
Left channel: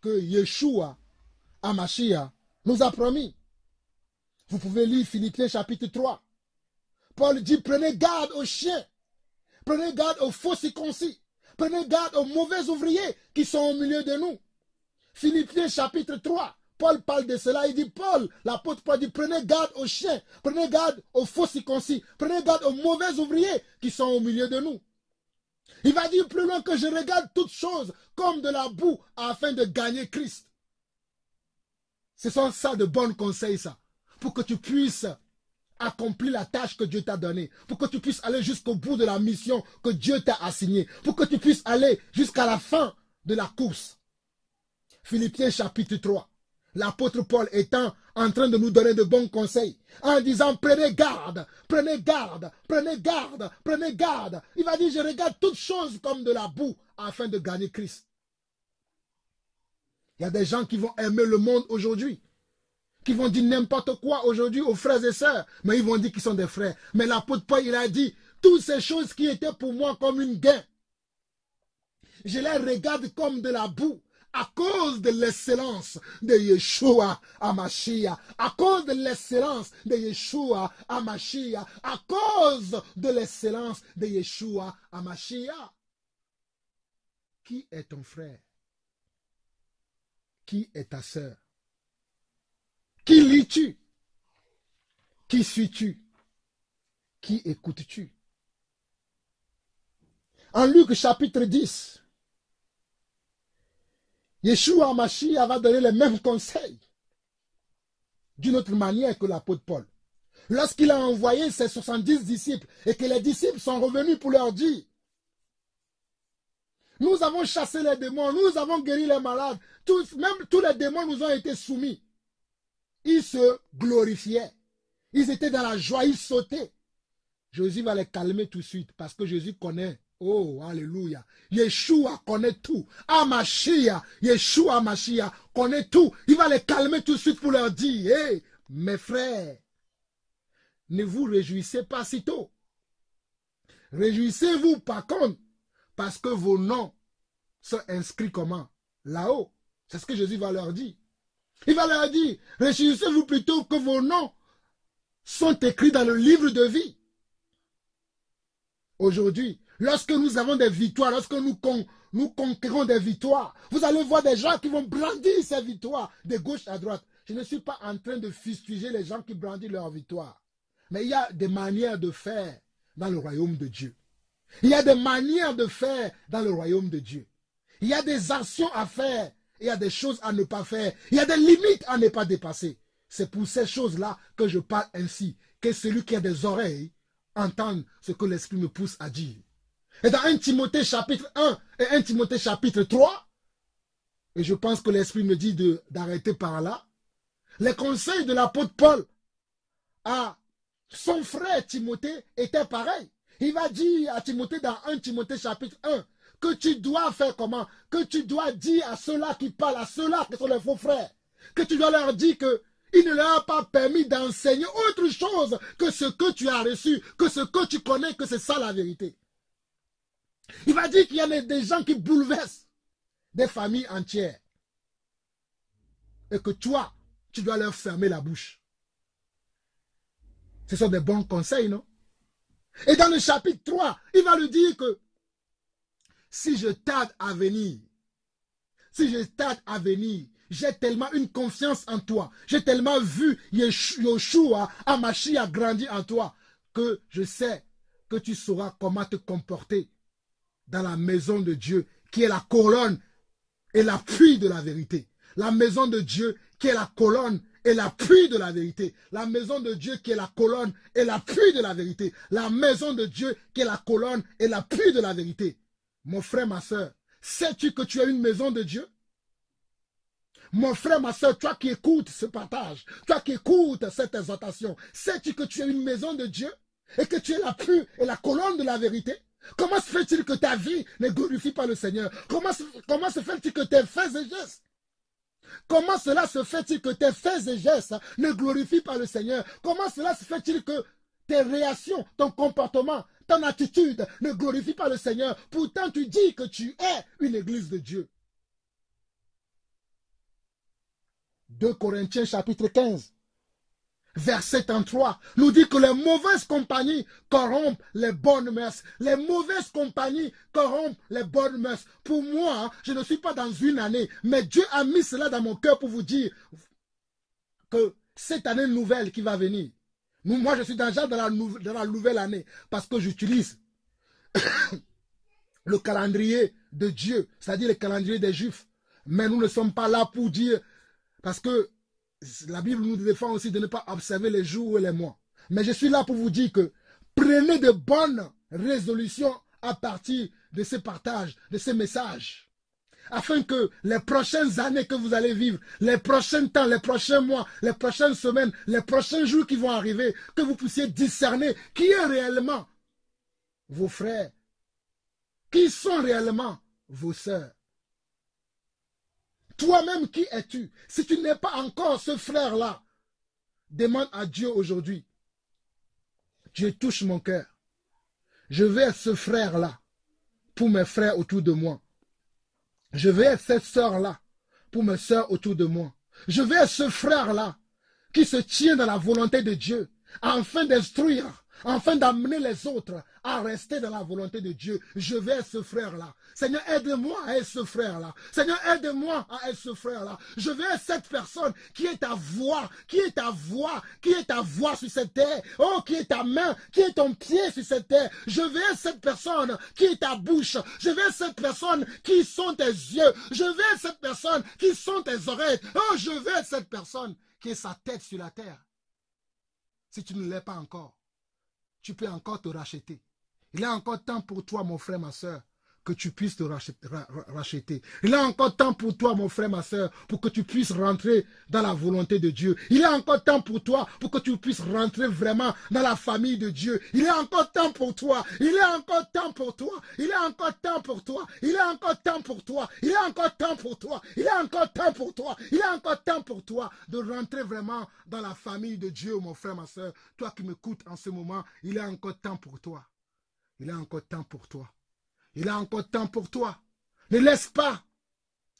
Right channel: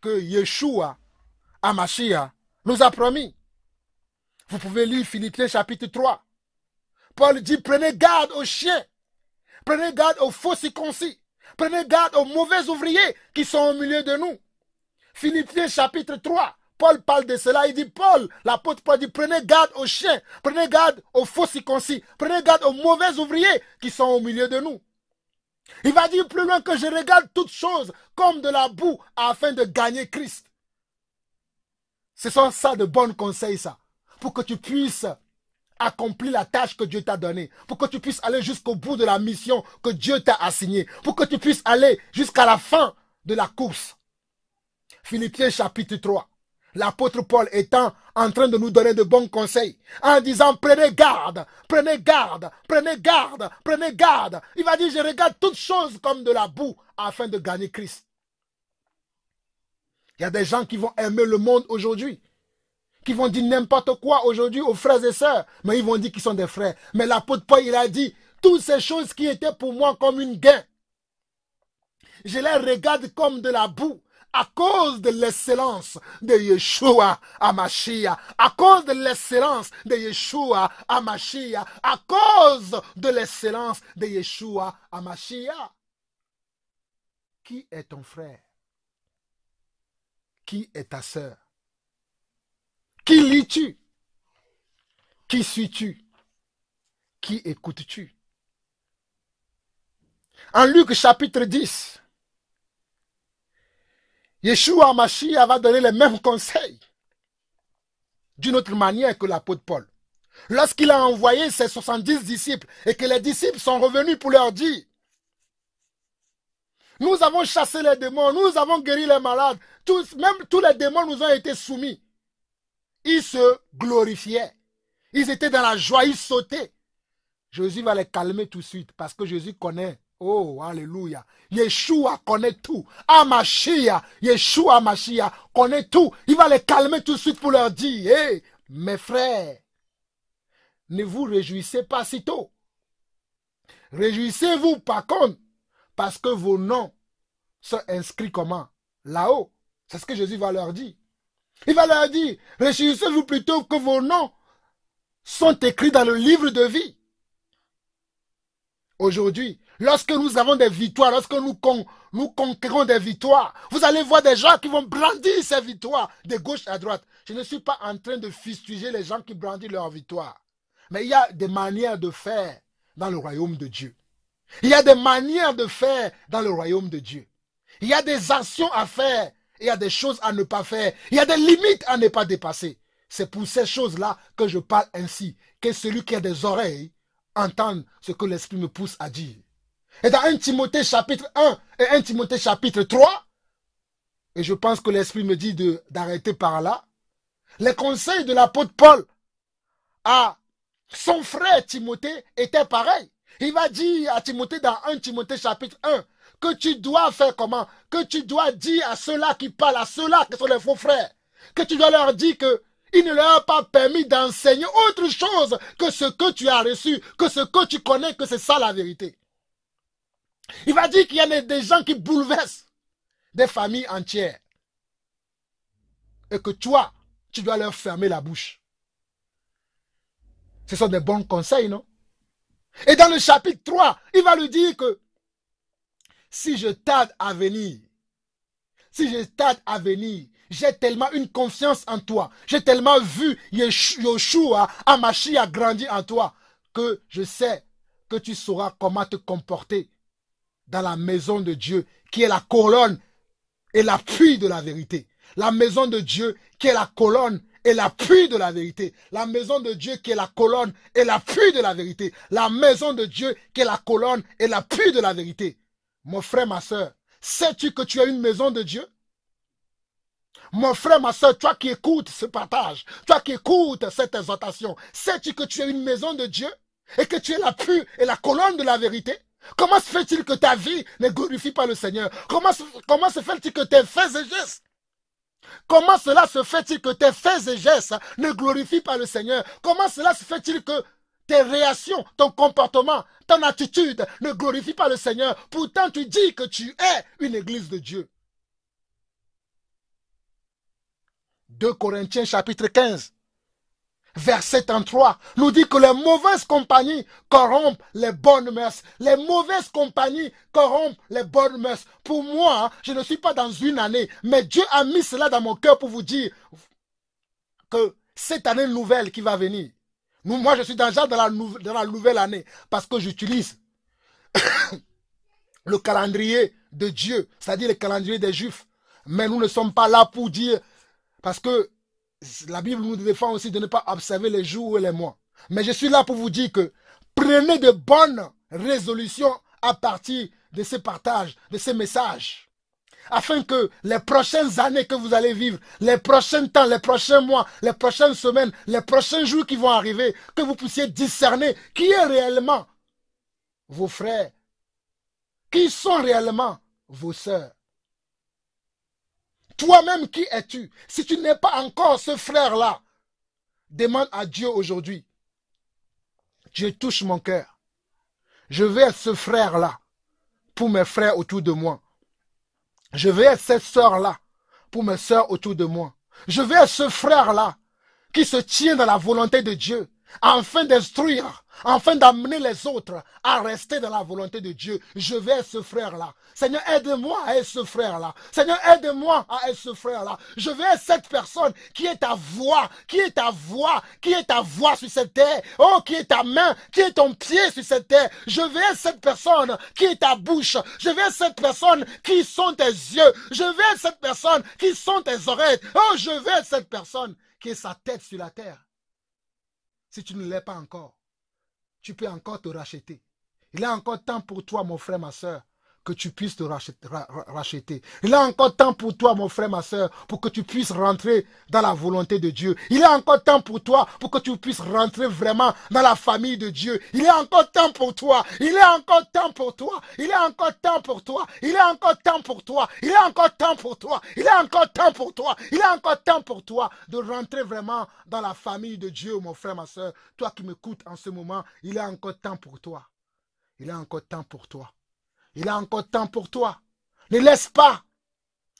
que Yeshua, Hamashiach, nous a promis. Vous pouvez lire Philippiens chapitre 3. Paul dit, prenez garde aux chiens, prenez garde aux faux circoncis, prenez garde aux mauvais ouvriers qui sont au milieu de nous. Philippiens chapitre 3, Paul parle de cela, il dit, l'apôtre Paul dit, prenez garde aux chiens, prenez garde aux faux circoncis, prenez garde aux mauvais ouvriers qui sont au milieu de nous. Il va dire plus loin que je regarde toutes choses comme de la boue afin de gagner Christ. Ce sont ça de bons conseils, ça, pour que tu puisses accomplir la tâche que Dieu t'a donnée, pour que tu puisses aller jusqu'au bout de la mission que Dieu t'a assignée, pour que tu puisses aller jusqu'à la fin de la course. Philippiens chapitre 3. L'apôtre Paul étant en train de nous donner de bons conseils, en disant prenez garde, prenez garde, prenez garde, prenez garde. Il va dire je regarde toutes choses comme de la boue afin de gagner Christ. Il y a des gens qui vont aimer le monde aujourd'hui, qui vont dire n'importe quoi aujourd'hui aux frères et sœurs, mais ils vont dire qu'ils sont des frères. Mais l'apôtre Paul, il a dit, toutes ces choses qui étaient pour moi comme une gain, je les regarde comme de la boue à cause de l'excellence de Yeshua HaMashiach, à cause de l'excellence de Yeshua HaMashiach, à cause de l'excellence de Yeshua HaMashiach. Qui est ton frère? Qui est ta sœur? Qui lis-tu? Qui suis-tu? Qui écoutes-tu? En Luc chapitre 10, Yeshua HaMashiach va donner les mêmes conseils d'une autre manière que l'apôtre Paul. Lorsqu'il a envoyé ses 70 disciples et que les disciples sont revenus pour leur dire, nous avons chassé les démons, nous avons guéri les malades, même tous les démons nous ont été soumis. Ils se glorifiaient. Ils étaient dans la joie, ils sautaient. Jésus va les calmer tout de suite parce que Jésus connaît. Oh, alléluia. Yeshua connaît tout. HaMashiach, Yeshua HaMashiach connaît tout. Il va les calmer tout de suite pour leur dire, hey, mes frères, ne vous réjouissez pas si tôt. Réjouissez-vous par contre, parce que vos noms sont inscrits comment? Là-haut. C'est ce que Jésus va leur dire. Il va leur dire, réjouissez-vous plutôt que vos noms sont écrits dans le livre de vie. Aujourd'hui, lorsque nous avons des victoires, lorsque nous conquérons des victoires, vous allez voir des gens qui vont brandir ces victoires de gauche à droite. Je ne suis pas en train de fustiger les gens qui brandissent leurs victoires. Mais il y a des manières de faire dans le royaume de Dieu. Il y a des manières de faire dans le royaume de Dieu. Il y a des actions à faire. Il y a des choses à ne pas faire. Il y a des limites à ne pas dépasser. C'est pour ces choses-là que je parle ainsi. Que celui qui a des oreilles entende ce que l'Esprit me pousse à dire. Et dans 1 Timothée chapitre 1 et 1 Timothée chapitre 3, et je pense que l'Esprit me dit d'arrêter par là, les conseils de l'apôtre Paul à son frère Timothée étaient pareils. Il va dire à Timothée dans 1 Timothée chapitre 1 que tu dois faire comment? Que tu dois dire à ceux-là qui parlent, à ceux-là qui sont les faux frères, que tu dois leur dire que il ne leur a pas permis d'enseigner autre chose que ce que tu as reçu, que ce que tu connais, que c'est ça la vérité. Il va dire qu'il y a des gens qui bouleversent des familles entières. Et que toi, tu dois leur fermer la bouche. Ce sont des bons conseils, non? Et dans le chapitre 3, il va lui dire que si je tarde à venir, j'ai tellement une confiance en toi, j'ai tellement vu Yeshua HaMashiach grandir en toi, que je sais que tu sauras comment te comporter dans la maison de Dieu, qui est la colonne et l'appui de la vérité. La maison de Dieu qui est la colonne et l'appui de la vérité. La maison de Dieu qui est la colonne et l'appui de la vérité. La maison de Dieu qui est la colonne et l'appui de la vérité. Mon frère, ma soeur, sais-tu que tu as une maison de Dieu? Mon frère, ma soeur, toi qui écoutes ce partage, toi qui écoutes cette exhortation, sais-tu que tu as une maison de Dieu et que tu es l'appui et la colonne de la vérité? Comment se fait-il que ta vie ne glorifie pas le Seigneur? Comment se fait-il que tes faits et gestes, comment cela se fait-il que tes faits et gestes ne glorifient pas le Seigneur? Comment cela se fait-il que tes réactions, ton comportement, ton attitude ne glorifient pas le Seigneur? Pourtant, tu dis que tu es une église de Dieu. 2 Corinthiens chapitre 15, verset 33, nous dit que les mauvaises compagnies corrompent les bonnes mœurs. Les mauvaises compagnies corrompent les bonnes mœurs. Pour moi, je ne suis pas dans une année, mais Dieu a mis cela dans mon cœur pour vous dire que cette année nouvelle qui va venir, moi je suis déjà dans la nouvelle année parce que j'utilise le calendrier de Dieu, c'est-à-dire le calendrier des Juifs. Mais nous ne sommes pas là pour dire, parce que la Bible nous défend aussi de ne pas observer les jours et les mois. Mais je suis là pour vous dire que prenez de bonnes résolutions à partir de ces partages, de ces messages. Afin que les prochaines années que vous allez vivre, les prochains temps, les prochains mois, les prochaines semaines, les prochains jours qui vont arriver, que vous puissiez discerner qui est réellement vos frères, qui sont réellement vos sœurs. Toi-même, qui es-tu? Si tu n'es pas encore ce frère-là, Demande à Dieu aujourd'hui. Dieu touche mon cœur. Je veux être ce frère-là pour mes frères autour de moi. Je veux être cette sœur-là pour mes sœurs autour de moi. Je veux être ce frère-là qui se tient dans la volonté de Dieu afin d'instruire, afin d'amener les autres à rester dans la volonté de Dieu. Je vais être ce frère-là. Seigneur, aide-moi à être ce frère-là. Seigneur, aide-moi à être ce frère-là. Je vais être cette personne qui est ta voix, qui est ta voix, qui est ta voix sur cette terre. Oh, qui est ta main, qui est ton pied sur cette terre. Je vais être cette personne qui est ta bouche. Je vais être cette personne qui sont tes yeux. Je vais être cette personne qui sont tes oreilles. Oh, je vais être cette personne qui est sa tête sur la terre. Si tu ne l'es pas encore, tu peux encore te racheter. Il est encore temps pour toi, mon frère, ma soeur, que tu puisses te racheter. Il est encore temps pour toi, mon frère, ma soeur, pour que tu puisses rentrer dans la volonté de Dieu. Il est encore temps pour toi, pour que tu puisses rentrer vraiment dans la famille de Dieu. Il est encore temps pour toi. Il est encore temps pour toi. Il est encore temps pour toi. Il est encore temps pour toi. Il est encore temps pour toi. Il est encore temps pour toi. Il est encore temps pour toi de rentrer vraiment dans la famille de Dieu, mon frère, ma soeur. Toi qui m'écoutes en ce moment, il est encore temps pour toi. Il est encore temps pour toi. Il a encore temps pour toi. Ne laisse pas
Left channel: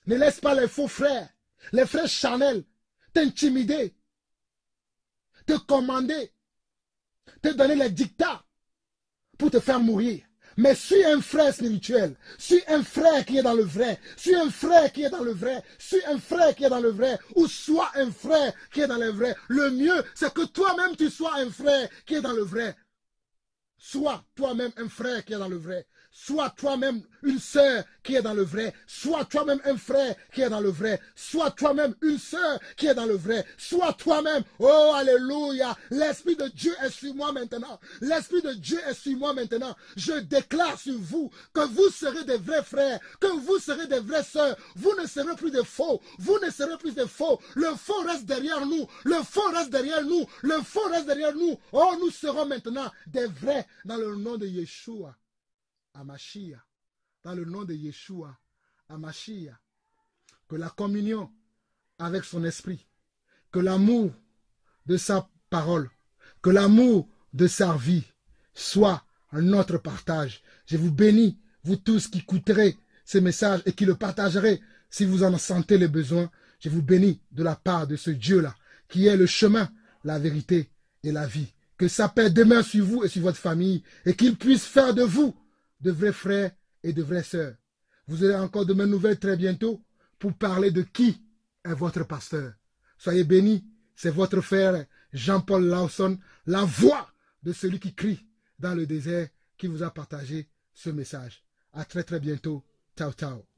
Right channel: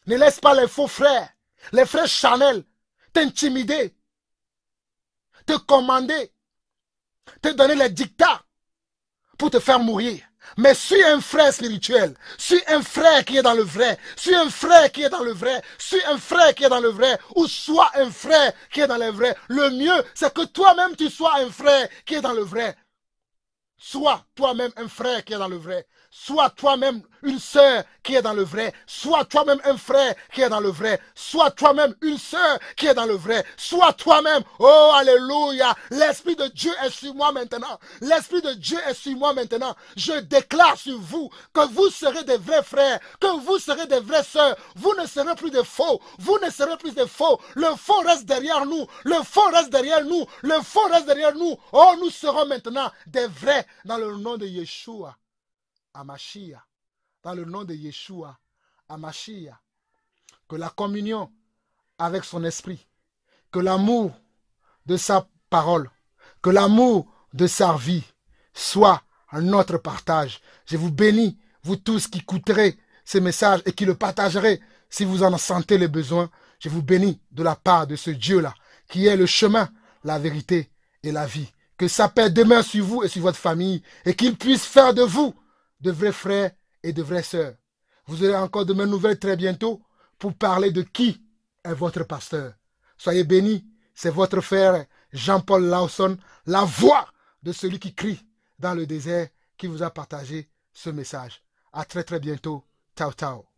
les faux frères, les frères charnels, t'intimider, te commander, te donner les dictats pour te faire mourir. Mais suis un frère spirituel, suis un frère qui est dans le vrai, suis un frère qui est dans le vrai, suis un frère qui est dans le vrai, ou sois un frère qui est dans le vrai. Le mieux, c'est que toi-même tu sois un frère qui est dans le vrai. Sois toi-même un frère qui est dans le vrai. Sois toi-même une sœur qui est dans le vrai. Sois toi-même un frère qui est dans le vrai. Sois toi-même une sœur qui est dans le vrai. Sois toi-même. Oh, alléluia. L'Esprit de Dieu est sur moi maintenant. L'Esprit de Dieu est sur moi maintenant. Je déclare sur vous que vous serez des vrais frères, que vous serez des vraies sœurs. Vous ne serez plus des faux. Vous ne serez plus des faux. Le faux reste derrière nous. Le faux reste derrière nous. Le faux reste derrière nous. Oh, nous serons maintenant des vrais dans le nom de Yeshua. Amashia, dans le nom de Yeshua, Amashia, que la communion avec son esprit, que l'amour de sa parole, que l'amour de sa vie soit notre partage. Je vous bénis, vous tous qui écouterez ces messages et qui le partagerez si vous en sentez le besoin. Je vous bénis de la part de ce Dieu-là, qui est le chemin, la vérité et la vie. Que sa paix demeure sur vous et sur votre famille et qu'il puisse faire de vous de vrais frères et de vraies sœurs. Vous aurez encore de mes nouvelles très bientôt pour parler de qui est votre pasteur. Soyez bénis, c'est votre frère Jean-Paul Lawson, la voix de celui qui crie dans le désert, qui vous a partagé ce message. À très très bientôt. Ciao, ciao.